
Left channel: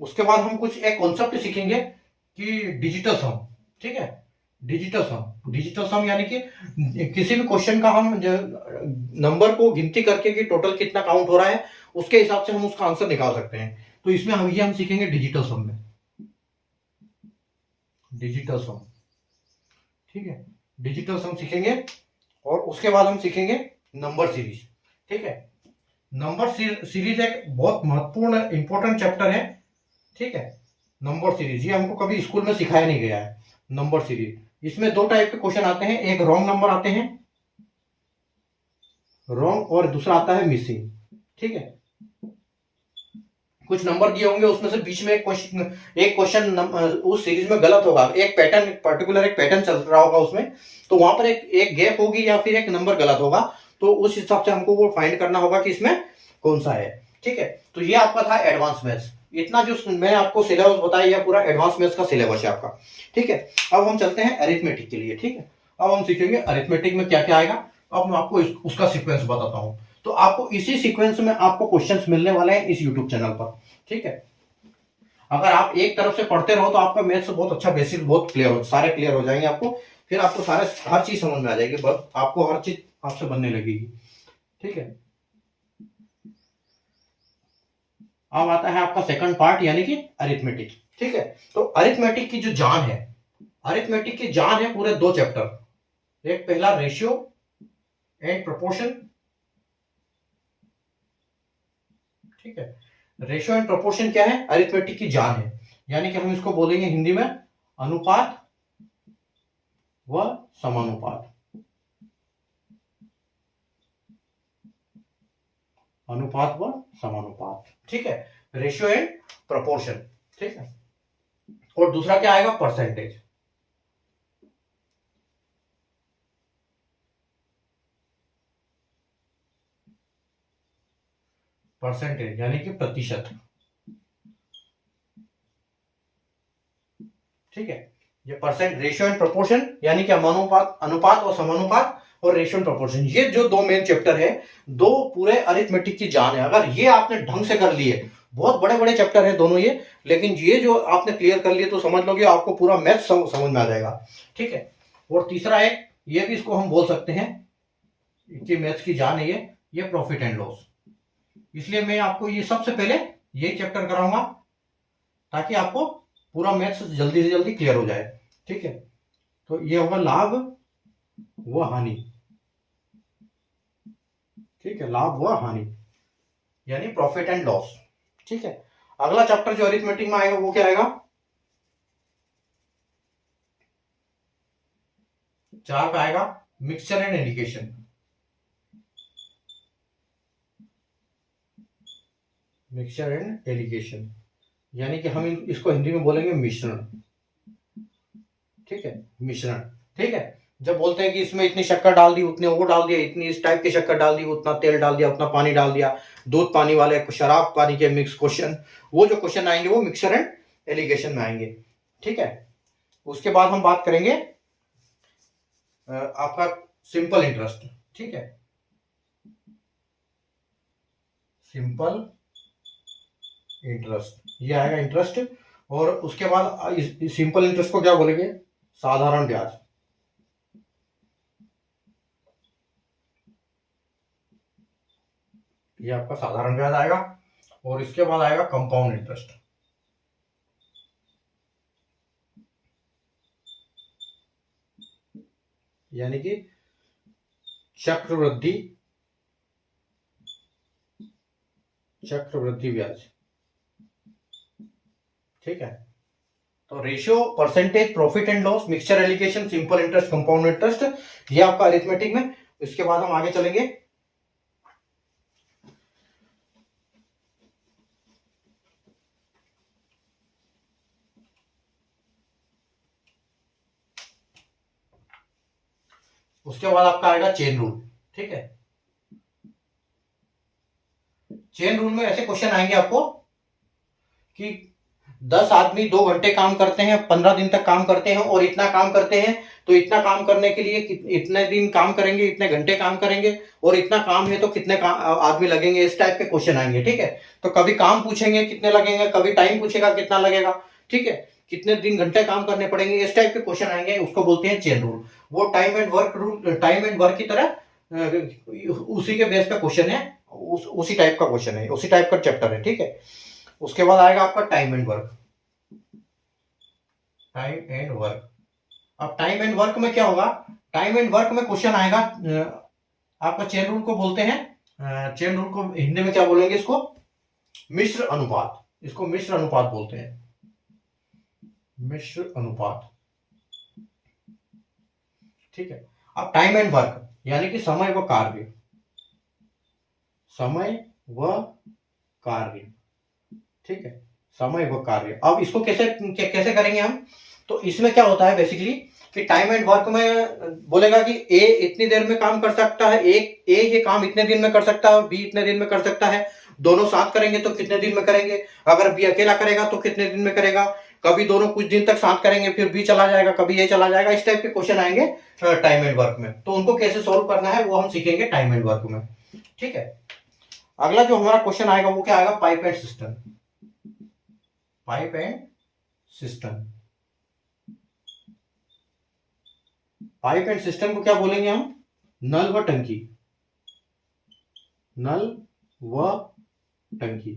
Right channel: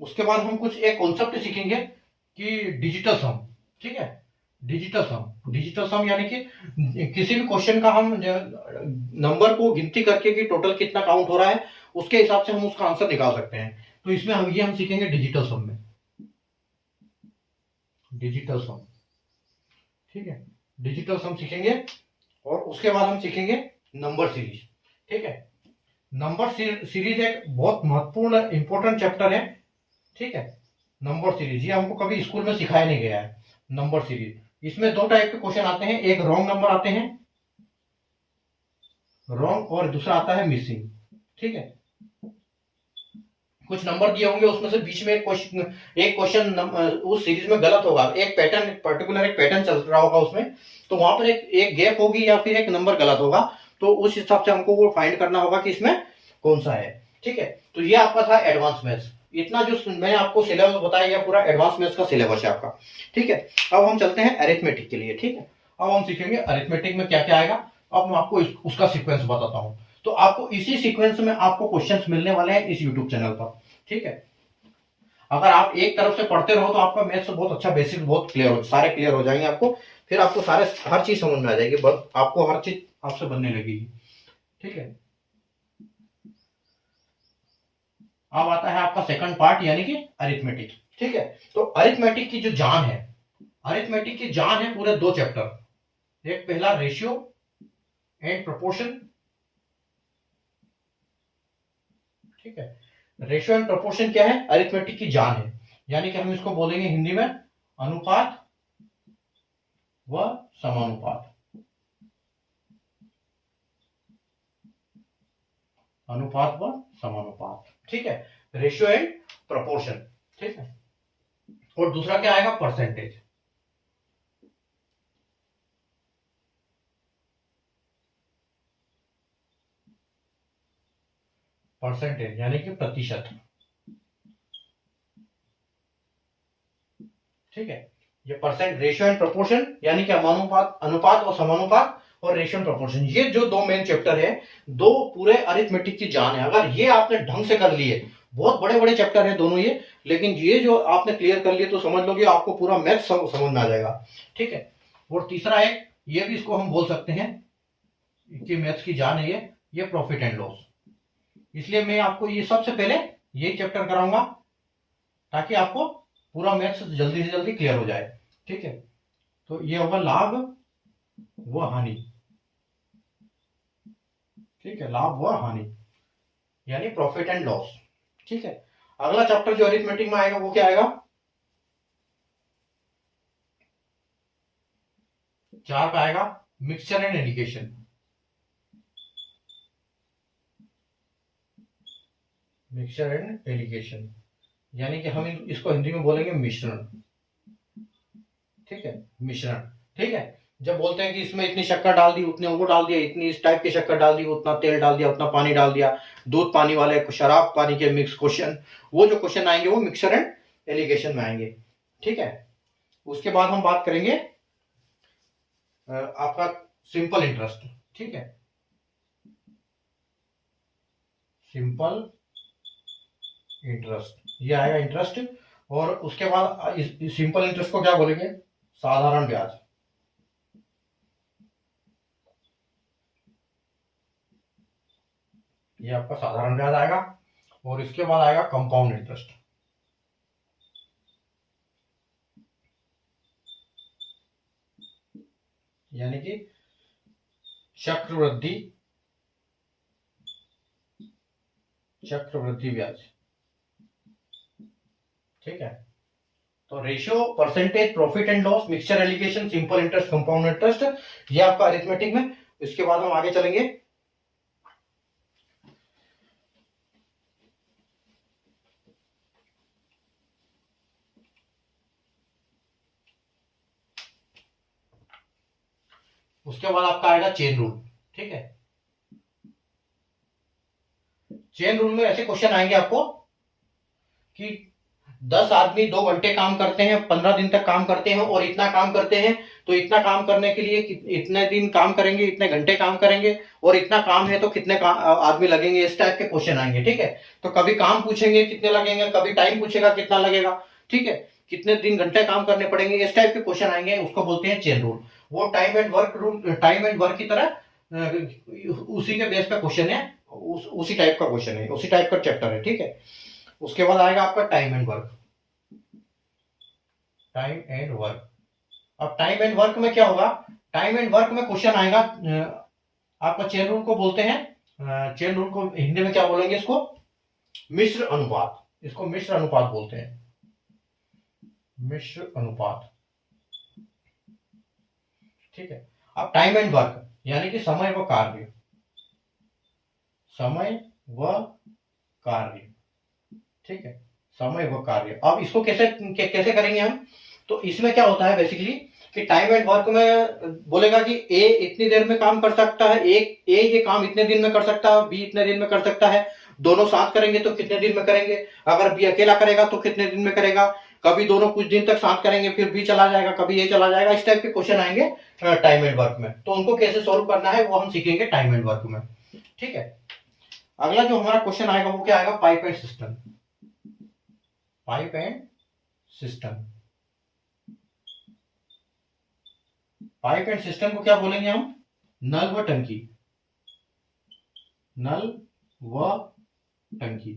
उसके बाद हम कुछ एक कॉन्सेप्ट सीखेंगे कि डिजिटल सम। ठीक है, डिजिटल सम, डिजिटल सम यानी कि किसी भी क्वेश्चन का हम नंबर को गिनती करके कि टोटल कितना काउंट हो रहा है, उसके हिसाब से हम उसका आंसर निकाल सकते हैं। तो इसमें हम सीखेंगे डिजिटल सम में, डिजिटल सम। ठीक है, डिजिटल सम सीखेंगे। और उसके बाद हम सीखेंगे नंबर सीरीज। ठीक है, नंबर सीरीज एक बहुत महत्वपूर्ण इंपॉर्टेंट चैप्टर है। ठीक है, नंबर सीरीज ये हमको कभी स्कूल में सिखाया नहीं गया है। नंबर सीरीज, इसमें दो टाइप के क्वेश्चन आते हैं, एक रॉन्ग नंबर आते हैं, रॉन्ग, और दूसरा आता है मिसिंग। ठीक है, कुछ नंबर दिए होंगे, उसमें से बीच में एक क्वेश्चन उस सीरीज में गलत होगा, एक पैटर्न, पर्टिकुलर एक पैटर्न चल रहा होगा उसमें, तो वहां पर एक गैप होगी या फिर एक नंबर गलत होगा, तो उस हिसाब से हमको वो फाइंड करना होगा कि इसमें कौन सा है। ठीक है, तो ये आपका था एडवांस मैथ्स। इतना जो मैं आपको सिलेबस बताया, यह पूरा एडवांस मैथ्स का सिलेबस है आपका। ठीक है, अब हम चलते हैं अरिथमेटिक के लिए। ठीक है, अब हम सीखेंगे अरिथमेटिक में क्या क्या आएगा। अब मैं आपको उसका सीक्वेंस बताता हूं। तो आपको इसी सीक्वेंस में आपको क्वेश्चंस मिलने वाले हैं इस यूट्यूब चैनल पर। ठीक है, अगर आप एक तरफ से पढ़ते रहो तो आपका मैथ्स बहुत अच्छा, बेसिक बहुत सारे क्लियर हो जाएंगे आपको। फिर आपको सारे हर चीज समझ में आ जाएगी, बस आपको हर चीज आपसे बनने लगेगी। ठीक है, अब आता है आपका सेकंड पार्ट, यानी कि अरिथमेटिक। ठीक है, तो अरिथमेटिक की जो जान है, अरिथमेटिक की जान है पूरे दो चैप्टर। एक पहला रेशियो एंड प्रोपोर्शन। ठीक है, रेशियो एंड प्रोपोर्शन क्या है, अरिथमेटिक की जान है, यानी कि हम इसको बोलेंगे हिंदी में अनुपात व समानुपात। अनुपात व समानुपात। ठीक है, रेशियो एंड प्रोपोर्शन। ठीक है, और दूसरा क्या आएगा, परसेंटेज। परसेंटेज यानी कि प्रतिशत। ठीक है, ये परसेंट, रेशियो एंड प्रोपोर्शन यानी कि अनुपात, अनुपात और समानुपात, और रेशियो एंड प्रोपोर्शन, ये जो दो मेन चैप्टर है, दो पूरे अरिथमेटिक की जान है। अगर ये आपने ढंग से कर लिए, बहुत बड़े बड़े चैप्टर है दोनों ये, लेकिन ये जो आपने क्लियर कर लिए तो समझ लो कि आपको पूरा मैथ समझ में आ जाएगा। ठीक है, और तीसरा है, ये भी इसको हम बोल सकते हैं कि मैथ्स की जान है ये प्रॉफिट एंड लॉस। इसलिए मैं आपको ये सबसे पहले यही चैप्टर कराऊंगा, ताकि आपको पूरा मैथ्स जल्दी से जल्दी क्लियर हो जाए। ठीक है, तो ये होगा लाभ व हानि। ठीक है, लाभ व हानि यानी प्रॉफिट एंड लॉस। ठीक है, अगला चैप्टर जो अरिथमेटिक में आएगा वो क्या आएगा, 4 पे आएगा mixture and allegation. Mixture and allegation यानी कि हम इसको हिंदी में बोलेंगे मिश्रण। ठीक है, मिश्रण। ठीक है, जब बोलते हैं कि इसमें इतनी शक्कर डाल दी, उतने वो डाल दिया, इतनी इस टाइप की शक्कर डाल दी, उतना तेल डाल दिया, उतना पानी डाल दिया, दूध पानी वाले, शराब पानी के मिक्स क्वेश्चन, वो जो क्वेश्चन आएंगे वो मिक्सर एंड एलिगेशन में आएंगे। ठीक है, उसके बाद हम बात करेंगे आपका सिंपल इंटरेस्ट। ठीक है, सिंपल इंटरेस्ट, ये आएगा इंटरेस्ट। और उसके बाद सिंपल इंटरेस्ट को क्या बोलेंगे, साधारण ब्याज। ये आपका साधारण ब्याज आएगा। और इसके बाद आएगा कंपाउंड इंटरेस्ट। यानी कि चक्रवृद्धि, चक्रवृद्धि ब्याज। ठीक है, तो ratio, percentage, profit and loss, mixture allegation, simple interest, compound interest, ये आपका अरिथमेटिक में। इसके बाद हम आगे चलेंगे उसके बाद आपका आएगा चेन रूल। ठीक है। चेन रूल में ऐसे क्वेश्चन आएंगे आपको कि 10 आदमी 2 घंटे काम करते हैं, 15 दिन तक काम करते हैं और इतना काम करते हैं, तो इतना काम करने के लिए इतने दिन काम करेंगे, इतने घंटे काम करेंगे और इतना काम है तो कितने आदमी लगेंगे, इस टाइप के क्वेश्चन आएंगे। ठीक है, तो कभी काम पूछेंगे कितने लगेंगे, कभी टाइम पूछेगा कितना लगेगा, ठीक है, कितने दिन घंटे काम करने पड़ेंगे, इस टाइप के क्वेश्चन आएंगे, उसको बोलते हैं चेन रूल। वो time and work rule, time and work की तरह उसी के बेस पे क्वेश्चन है, उसी टाइप का क्वेश्चन है, उसी टाइप का चैप्टर है। ठीक है, उसके बाद आएगा आपका time and work. Time and work, अब टाइम एंड वर्क में क्या होगा, टाइम एंड वर्क में क्वेश्चन आएगा आपका चेन रूल को बोलते हैं, चेन रूल को हिंदी में क्या बोलेंगे, इसको मिश्र अनुपात, इसको मिश्र अनुपात बोलते हैं, मिश्र अनुपात। ठीक है, अब टाइम एंड वर्क यानी कि समय व कार्य, समय व कार्य, ठीक है, समय व कार्य। अब इसको कैसे कैसे करेंगे हम, तो इसमें क्या होता है बेसिकली कि टाइम एंड वर्क में बोलेगा कि ए इतनी देर में काम कर सकता है, ए ये काम इतने दिन में कर सकता है, बी इतने दिन में कर सकता है, दोनों साथ करेंगे तो कितने दिन में करेंगे, अगर बी अकेला करेगा तो कितने दिन में करेगा, कभी दोनों कुछ दिन तक साथ करेंगे फिर बी चला जाएगा, कभी ए चला जाएगा, इस टाइप के क्वेश्चन आएंगे टाइम एंड वर्क में। तो उनको कैसे सोल्व करना है वो हम सीखेंगे टाइम एंड वर्क में। ठीक है, अगला जो हमारा क्वेश्चन आएगा वो क्या आएगा, pipe and system. Pipe and system, pipe and system को क्या बोलेंगे हम, नल व टंकी, नल व टंकी।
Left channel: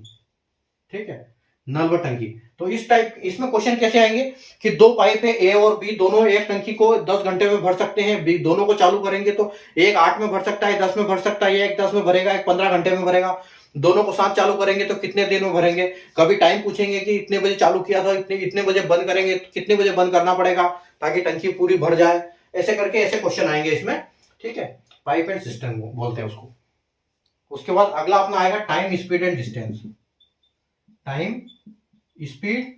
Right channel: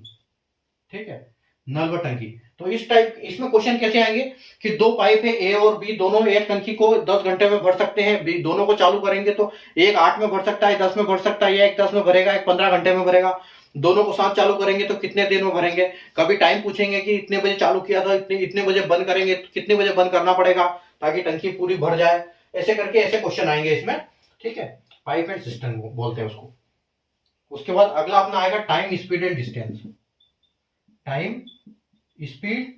ठीक है, नल व टंकी। तो इस टाइप, इसमें क्वेश्चन कैसे आएंगे कि दो पाइप है ए और बी, दोनों एक टंकी को 10 घंटे में भर सकते हैं, बी दोनों को चालू करेंगे तो एक 8 में भर सकता है, 10 में भर सकता है, एक 10 में भरेगा, एक 15 घंटे में भरेगा, दोनों को साथ चालू करेंगे तो कितने देर में भरेंगे, कभी टाइम पूछेंगे कि इतने बजे चालू किया था, इतने बजे बंद करेंगे तो कितने बजे बंद करना पड़ेगा ताकि टंकी पूरी भर जाए, ऐसे करके ऐसे क्वेश्चन आएंगे इसमें। ठीक है, पाइप एंड सिस्टम बोलते हैं उसको। उसके बाद अगला अपना आएगा time speed and distance. Time speed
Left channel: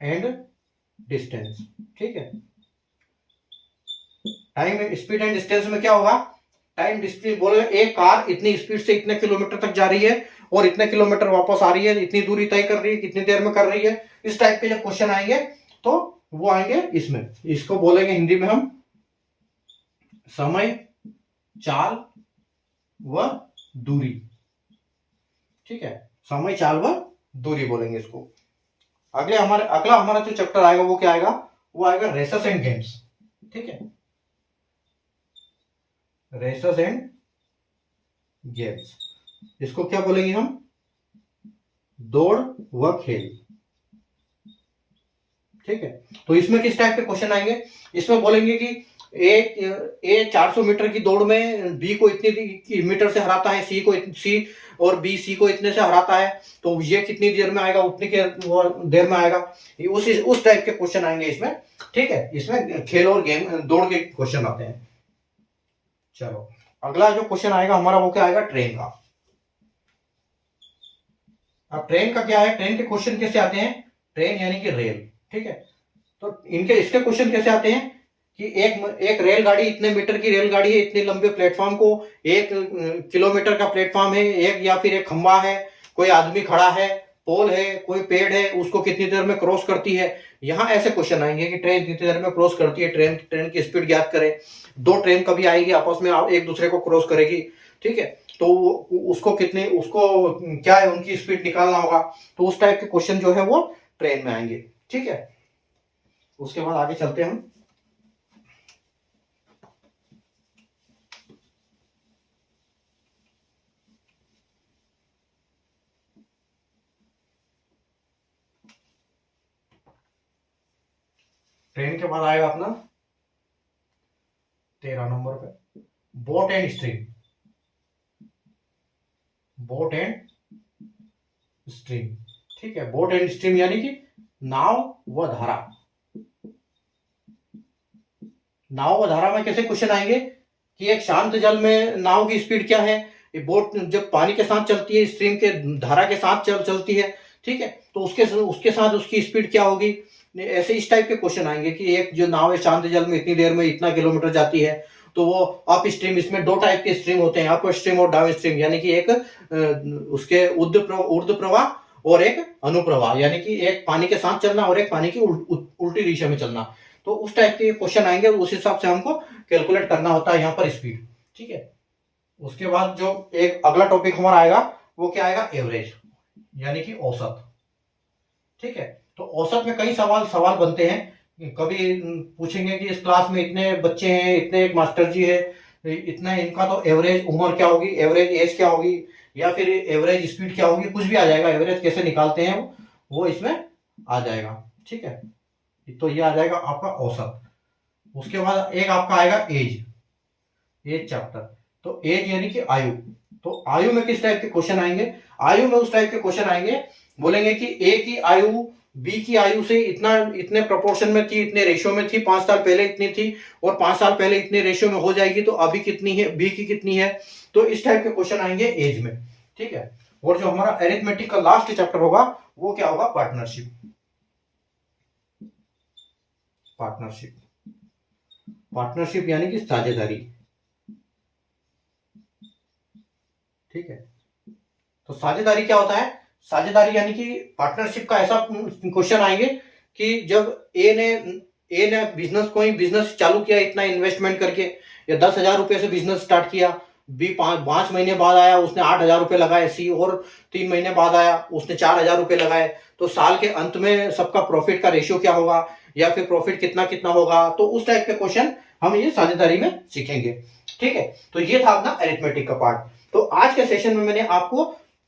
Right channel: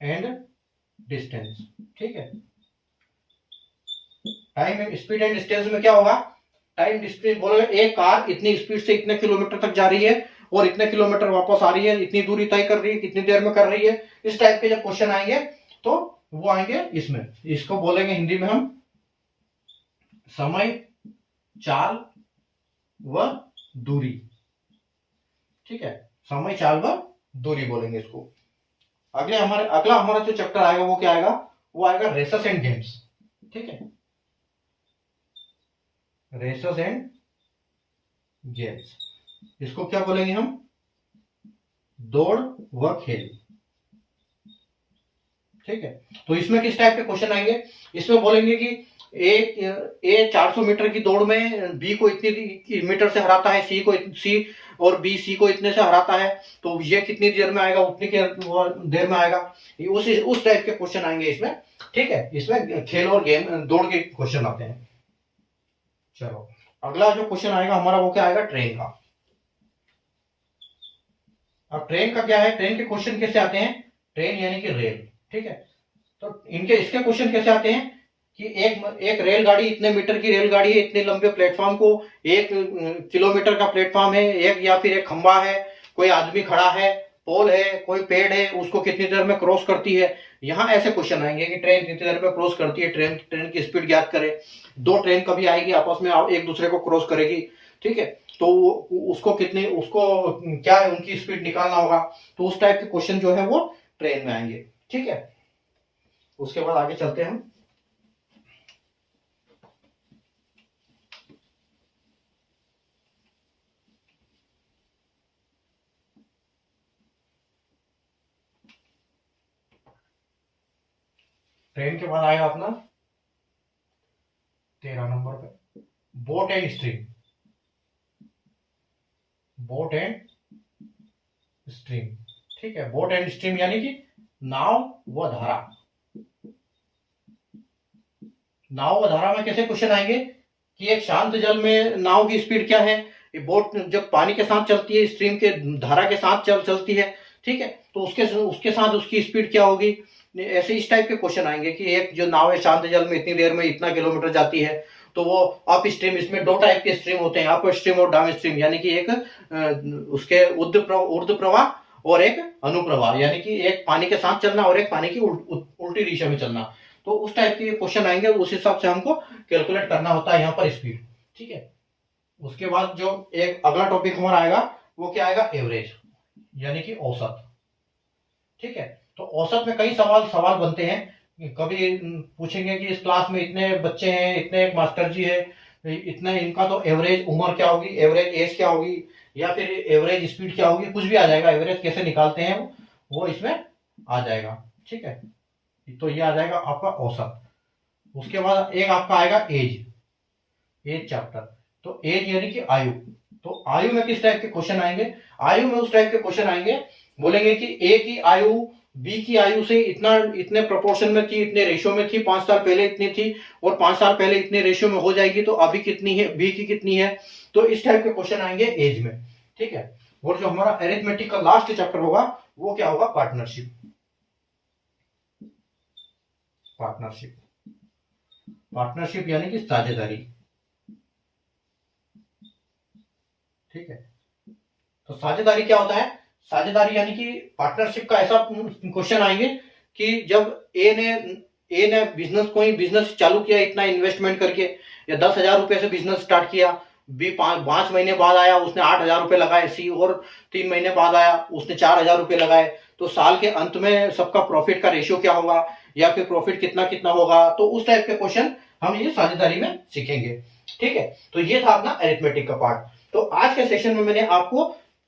and distance. ठीक है, टाइम स्पीड एंड डिस्टेंस में क्या होगा, टाइम स्पीड बोले एक कार इतनी स्पीड से इतने किलोमीटर तक जा रही है और इतने किलोमीटर वापस आ रही है, इतनी दूरी तय कर रही है, कितनी देर में कर रही है, इस टाइप के जब क्वेश्चन आएंगे तो वो आएंगे इसमें। इसको बोलेंगे हिंदी में हम समय, चाल व दूरी। ठीक है, समय, चाल व दूरी बोलेंगे इसको। अगला हमारा जो चैप्टर आएगा वो क्या आएगा, वो आएगा रेसेस एंड गेम्स। ठीक है, रेसेस एंड गेम्स, इसको क्या बोलेंगे हम, दौड़ व खेल। ठीक है, तो इसमें किस टाइप के क्वेश्चन आएंगे, इसमें बोलेंगे कि ए 400 मीटर की दौड़ में बी को इतनी मीटर से हराता है, सी और बी सी को इतने से हराता है, तो ये कितनी देर में आएगा, उतनी देर में आएगा, उस टाइप के क्वेश्चन आएंगे इसमें। ठीक है, इसमें खेल और गेम, दौड़ के क्वेश्चन आते हैं। चलो, अगला जो क्वेश्चन आएगा हमारा वो क्या आएगा, ट्रेन का। अब ट्रेन का क्या है, ट्रेन के क्वेश्चन कैसे आते हैं, ट्रेन यानी कि रेल। ठीक है, तो इसके क्वेश्चन कैसे आते हैं कि एक रेलगाड़ी, इतने मीटर की रेलगाड़ी है, इतने लंबे प्लेटफॉर्म को, 1 किलोमीटर का प्लेटफॉर्म है, या फिर एक खंबा है, कोई आदमी खड़ा है, पोल है, कोई पेड़ है, उसको कितनी देर में क्रॉस करती है। यहाँ ऐसे क्वेश्चन आएंगे कि ट्रेन कितनी देर में क्रॉस करती है, ट्रेन की स्पीड ज्ञात करें, दो ट्रेन कभी आएगी आपस में एक दूसरे को क्रॉस करेगी। ठीक है, तो उसको क्या है, उनकी स्पीड निकालना होगा, तो उस टाइप के क्वेश्चन जो है वो ट्रेन में आएंगे। ठीक है, उसके बाद आगे चलते हैं। ट्रेन के बाद आएगा अपना 13 नंबर पे boat and stream. Boat and stream. ठीक है, बोट एंड स्ट्रीम यानी कि नाव व धारा। नाव व धारा में कैसे क्वेश्चन आएंगे कि एक शांत जल में नाव की स्पीड क्या है, ये बोट जब पानी के साथ चलती है, स्ट्रीम के धारा के साथ चलती है। ठीक है, तो उसके साथ उसकी स्पीड क्या होगी, ऐसे इस टाइप के क्वेश्चन आएंगे कि एक जो नाव है शांत जल में इतनी देर में इतना किलोमीटर जाती है, तो वो अप स्ट्रीम, इसमें दो टाइप के स्ट्रीम होते हैं, अप स्ट्रीम और डाउन स्ट्रीम, यानी कि एक उसके ऊर्ध्व प्रवाह और एक अनुप्रवाह, यानी कि एक पानी के साथ चलना और एक पानी की उल्टी दिशा में चलना। तो उस टाइप के क्वेश्चन आएंगे, उस हिसाब से हमको कैलकुलेट करना होता है यहाँ पर स्पीड। ठीक है, उसके बाद जो एक अगला टॉपिक हमारा आएगा वो क्या आएगा, एवरेज, यानी कि औसत। ठीक है, तो औसत में कई सवाल बनते हैं। कभी पूछेंगे कि इस क्लास में इतने बच्चे हैं, इतने एक मास्टर जी है, इतने इनका तो एवरेज उम्र क्या होगी, एवरेज एज क्या होगी, या फिर एवरेज स्पीड क्या होगी, कुछ भी आ जाएगा। एवरेज कैसे निकालते हैं वो इसमें आ जाएगा। ठीक है, तो ये आ जाएगा आपका औसत। उसके बाद एक आपका आएगा एज चैप्टर। तो एज यानी कि आयु। तो आयु में किस टाइप के क्वेश्चन आएंगे, आयु में उस टाइप के क्वेश्चन आएंगे, बोलेंगे कि ए की आयु बी की आयु से इतने प्रोपोर्शन में थी, इतने रेशियो में थी, 5 साल पहले इतनी थी और 5 साल पहले इतने रेशियो में हो जाएगी, तो अभी कितनी है, बी की कितनी है। तो इस टाइप के क्वेश्चन आएंगे एज में। ठीक है, और जो हमारा अरिथमेटिक का लास्ट चैप्टर होगा वो क्या होगा, पार्टनरशिप। पार्टनरशिप यानी कि साझेदारी। ठीक है, तो साझेदारी क्या होता है, साझेदारी यानी कि पार्टनरशिप का ऐसा क्वेश्चन आएंगे कि जब ए ने कोई बिजनेस चालू किया इतना इन्वेस्टमेंट करके, या 10,000 रुपए से बिजनेस स्टार्ट किया, बी 5 महीने बाद आया उसने 8,000 रुपए लगाए, सी और 3 महीने बाद आया उसने 4,000 रुपए लगाए, तो साल के अंत में सबका प्रॉफिट का रेशियो क्या होगा, या फिर प्रॉफिट कितना कितना होगा। तो उस टाइप के क्वेश्चन हम ये साझेदारी में सीखेंगे। ठीक है, तो ये था अपना अरिथमेटिक का पार्ट। तो आज के सेशन में मैंने आपको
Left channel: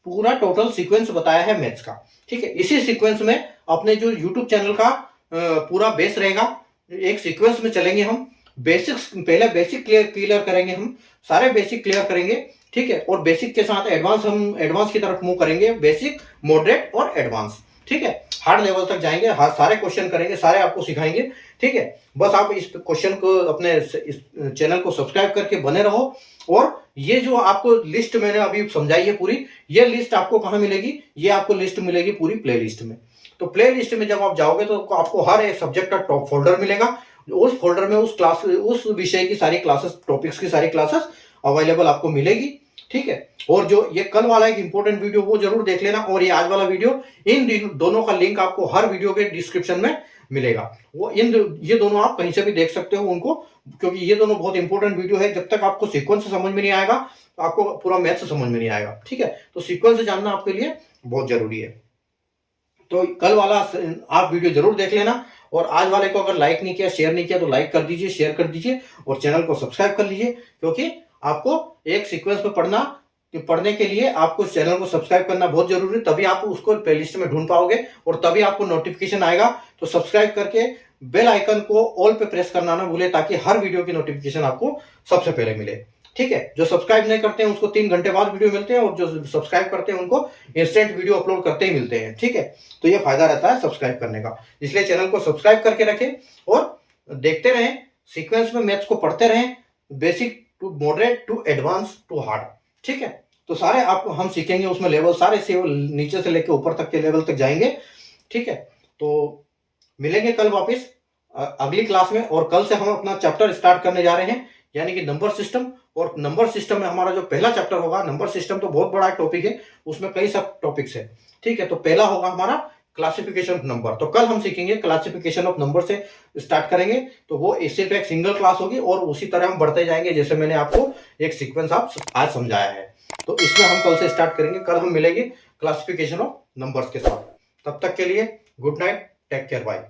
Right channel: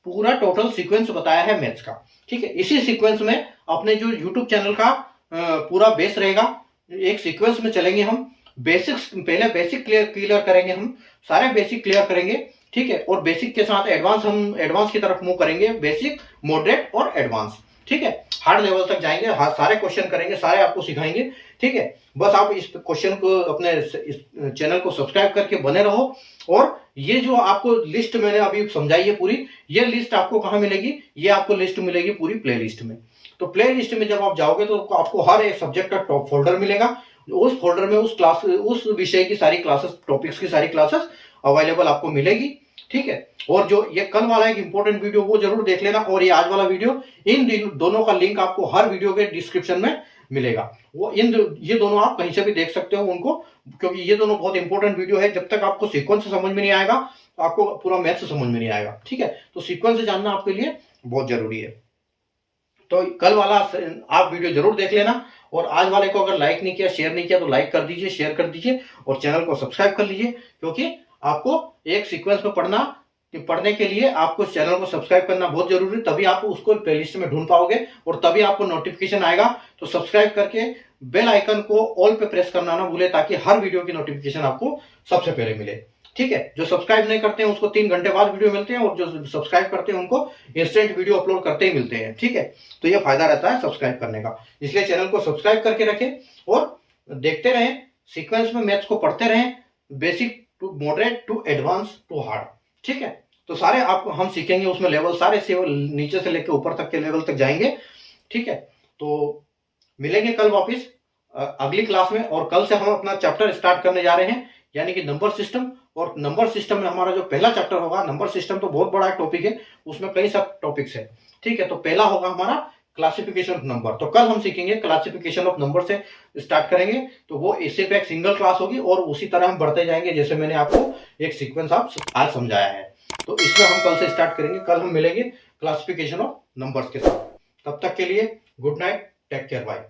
पूरा टोटल सीक्वेंस बताया है मैथ्स का। ठीक है, इसी सीक्वेंस में अपने जो यूट्यूब चैनल का पूरा बेस रहेगा, एक सीक्वेंस में चलेंगे हम। बेसिक्स पहले बेसिक क्लियर करेंगे, हम सारे बेसिक क्लियर करेंगे। ठीक है, और बेसिक के साथ हम एडवांस की तरफ मूव करेंगे, बेसिक, मॉडरेट और एडवांस। ठीक है, हार्ड लेवल तक जाएंगे, सारे क्वेश्चन करेंगे, सारे आपको सिखाएंगे। ठीक है, बस आप इस क्वेश्चन को अपने इस चैनल को सब्सक्राइब करके बने रहो। और ये जो आपको लिस्ट मैंने अभी समझाई है पूरी, ये लिस्ट आपको कहाँ मिलेगी, ये आपको लिस्ट मिलेगी पूरी प्लेलिस्ट में। तो प्लेलिस्ट में जब आप जाओगे तो आपको हर एक सब्जेक्ट का टॉप फोल्डर मिलेगा। उस फोल्डर में उस विषय की सारी क्लासेस, टॉपिक्स की सारी क्लासेस अवेलेबल आपको मिलेगी। ठीक है, और जो ये कल वाला एक इंपॉर्टेंट वीडियो वो जरूर देख लेना, और ये आज वाला वीडियो, इन दोनों का लिंक आपको हर वीडियो के डिस्क्रिप्शन में मिलेगा। ये दोनों आप कहीं से भी देख सकते हो उनको, क्योंकि ये दोनों बहुत इंपॉर्टेंट वीडियो है। जब तक आपको सीक्वेंस समझ में नहीं आएगा तो आपको पूरा मैथ्स समझ में नहीं आएगा। ठीक है, तो सीक्वेंस जानना आपके लिए बहुत जरूरी है। तो कल वाला आप वीडियो जरूर देख लेना, और आज वाले को अगर लाइक नहीं किया, शेयर नहीं किया, तो लाइक कर दीजिए, शेयर कर दीजिए, और चैनल को सब्सक्राइब कर लीजिए। क्योंकि आपको एक सीक्वेंस में पढ़ने के लिए आपको चैनल को सब्सक्राइब करना बहुत जरूरी है, तभी आप उसको प्लेलिस्ट में ढूंढ पाओगे और तभी आपको नोटिफिकेशन आएगा। तो सब्सक्राइब करके बेल आइकन को ऑल पे प्रेस करना ना भूले, ताकि हर वीडियो की नोटिफिकेशन आपको सबसे पहले मिले। ठीक है, जो सब्सक्राइब नहीं करते हैं उसको 3 घंटे बाद वीडियो मिलते हैं, और जो सब्सक्राइब करते हैं उनको इंस्टेंट वीडियो अपलोड करते ही मिलते हैं। ठीक है, तो ये फायदा रहता है सब्सक्राइब करने का, इसलिए चैनल को सब्सक्राइब करके रखें और देखते रहें, सीक्वेंस में मैथ्स को पढ़ते रहें, basic to moderate to advance to hard. ठीक है, तो सारे आपको हम सीखेंगे, उसमें लेवल सारे से नीचे से लेकर ऊपर तक के लेवल तक जाएंगे। ठीक है, तो मिलेंगे कल वापस अगली क्लास में, और कल से हम अपना चैप्टर स्टार्ट करने जा रहे हैं, यानी कि नंबर सिस्टम। और नंबर सिस्टम में हमारा जो पहला चैप्टर होगा, नंबर सिस्टम तो बहुत बड़ा टॉपिक है, उसमें कई सब टॉपिक्स है। ठीक है, तो पहला होगा हमारा क्लासिफिकेशन ऑफ नंबर। तो कल हम सीखेंगे क्लासिफिकेशन ऑफ नंबर से स्टार्ट करेंगे, तो वो सिर्फ एक सिंगल क्लास होगी, और उसी तरह हम बढ़ते जाएंगे, जैसे मैंने आपको एक सीक्वेंस आज समझाया है। तो इसमें हम कल से स्टार्ट करेंगे, कल हम मिलेंगे क्लासिफिकेशन ऑफ नंबर्स के साथ। तब तक के लिए good night, take care, bye.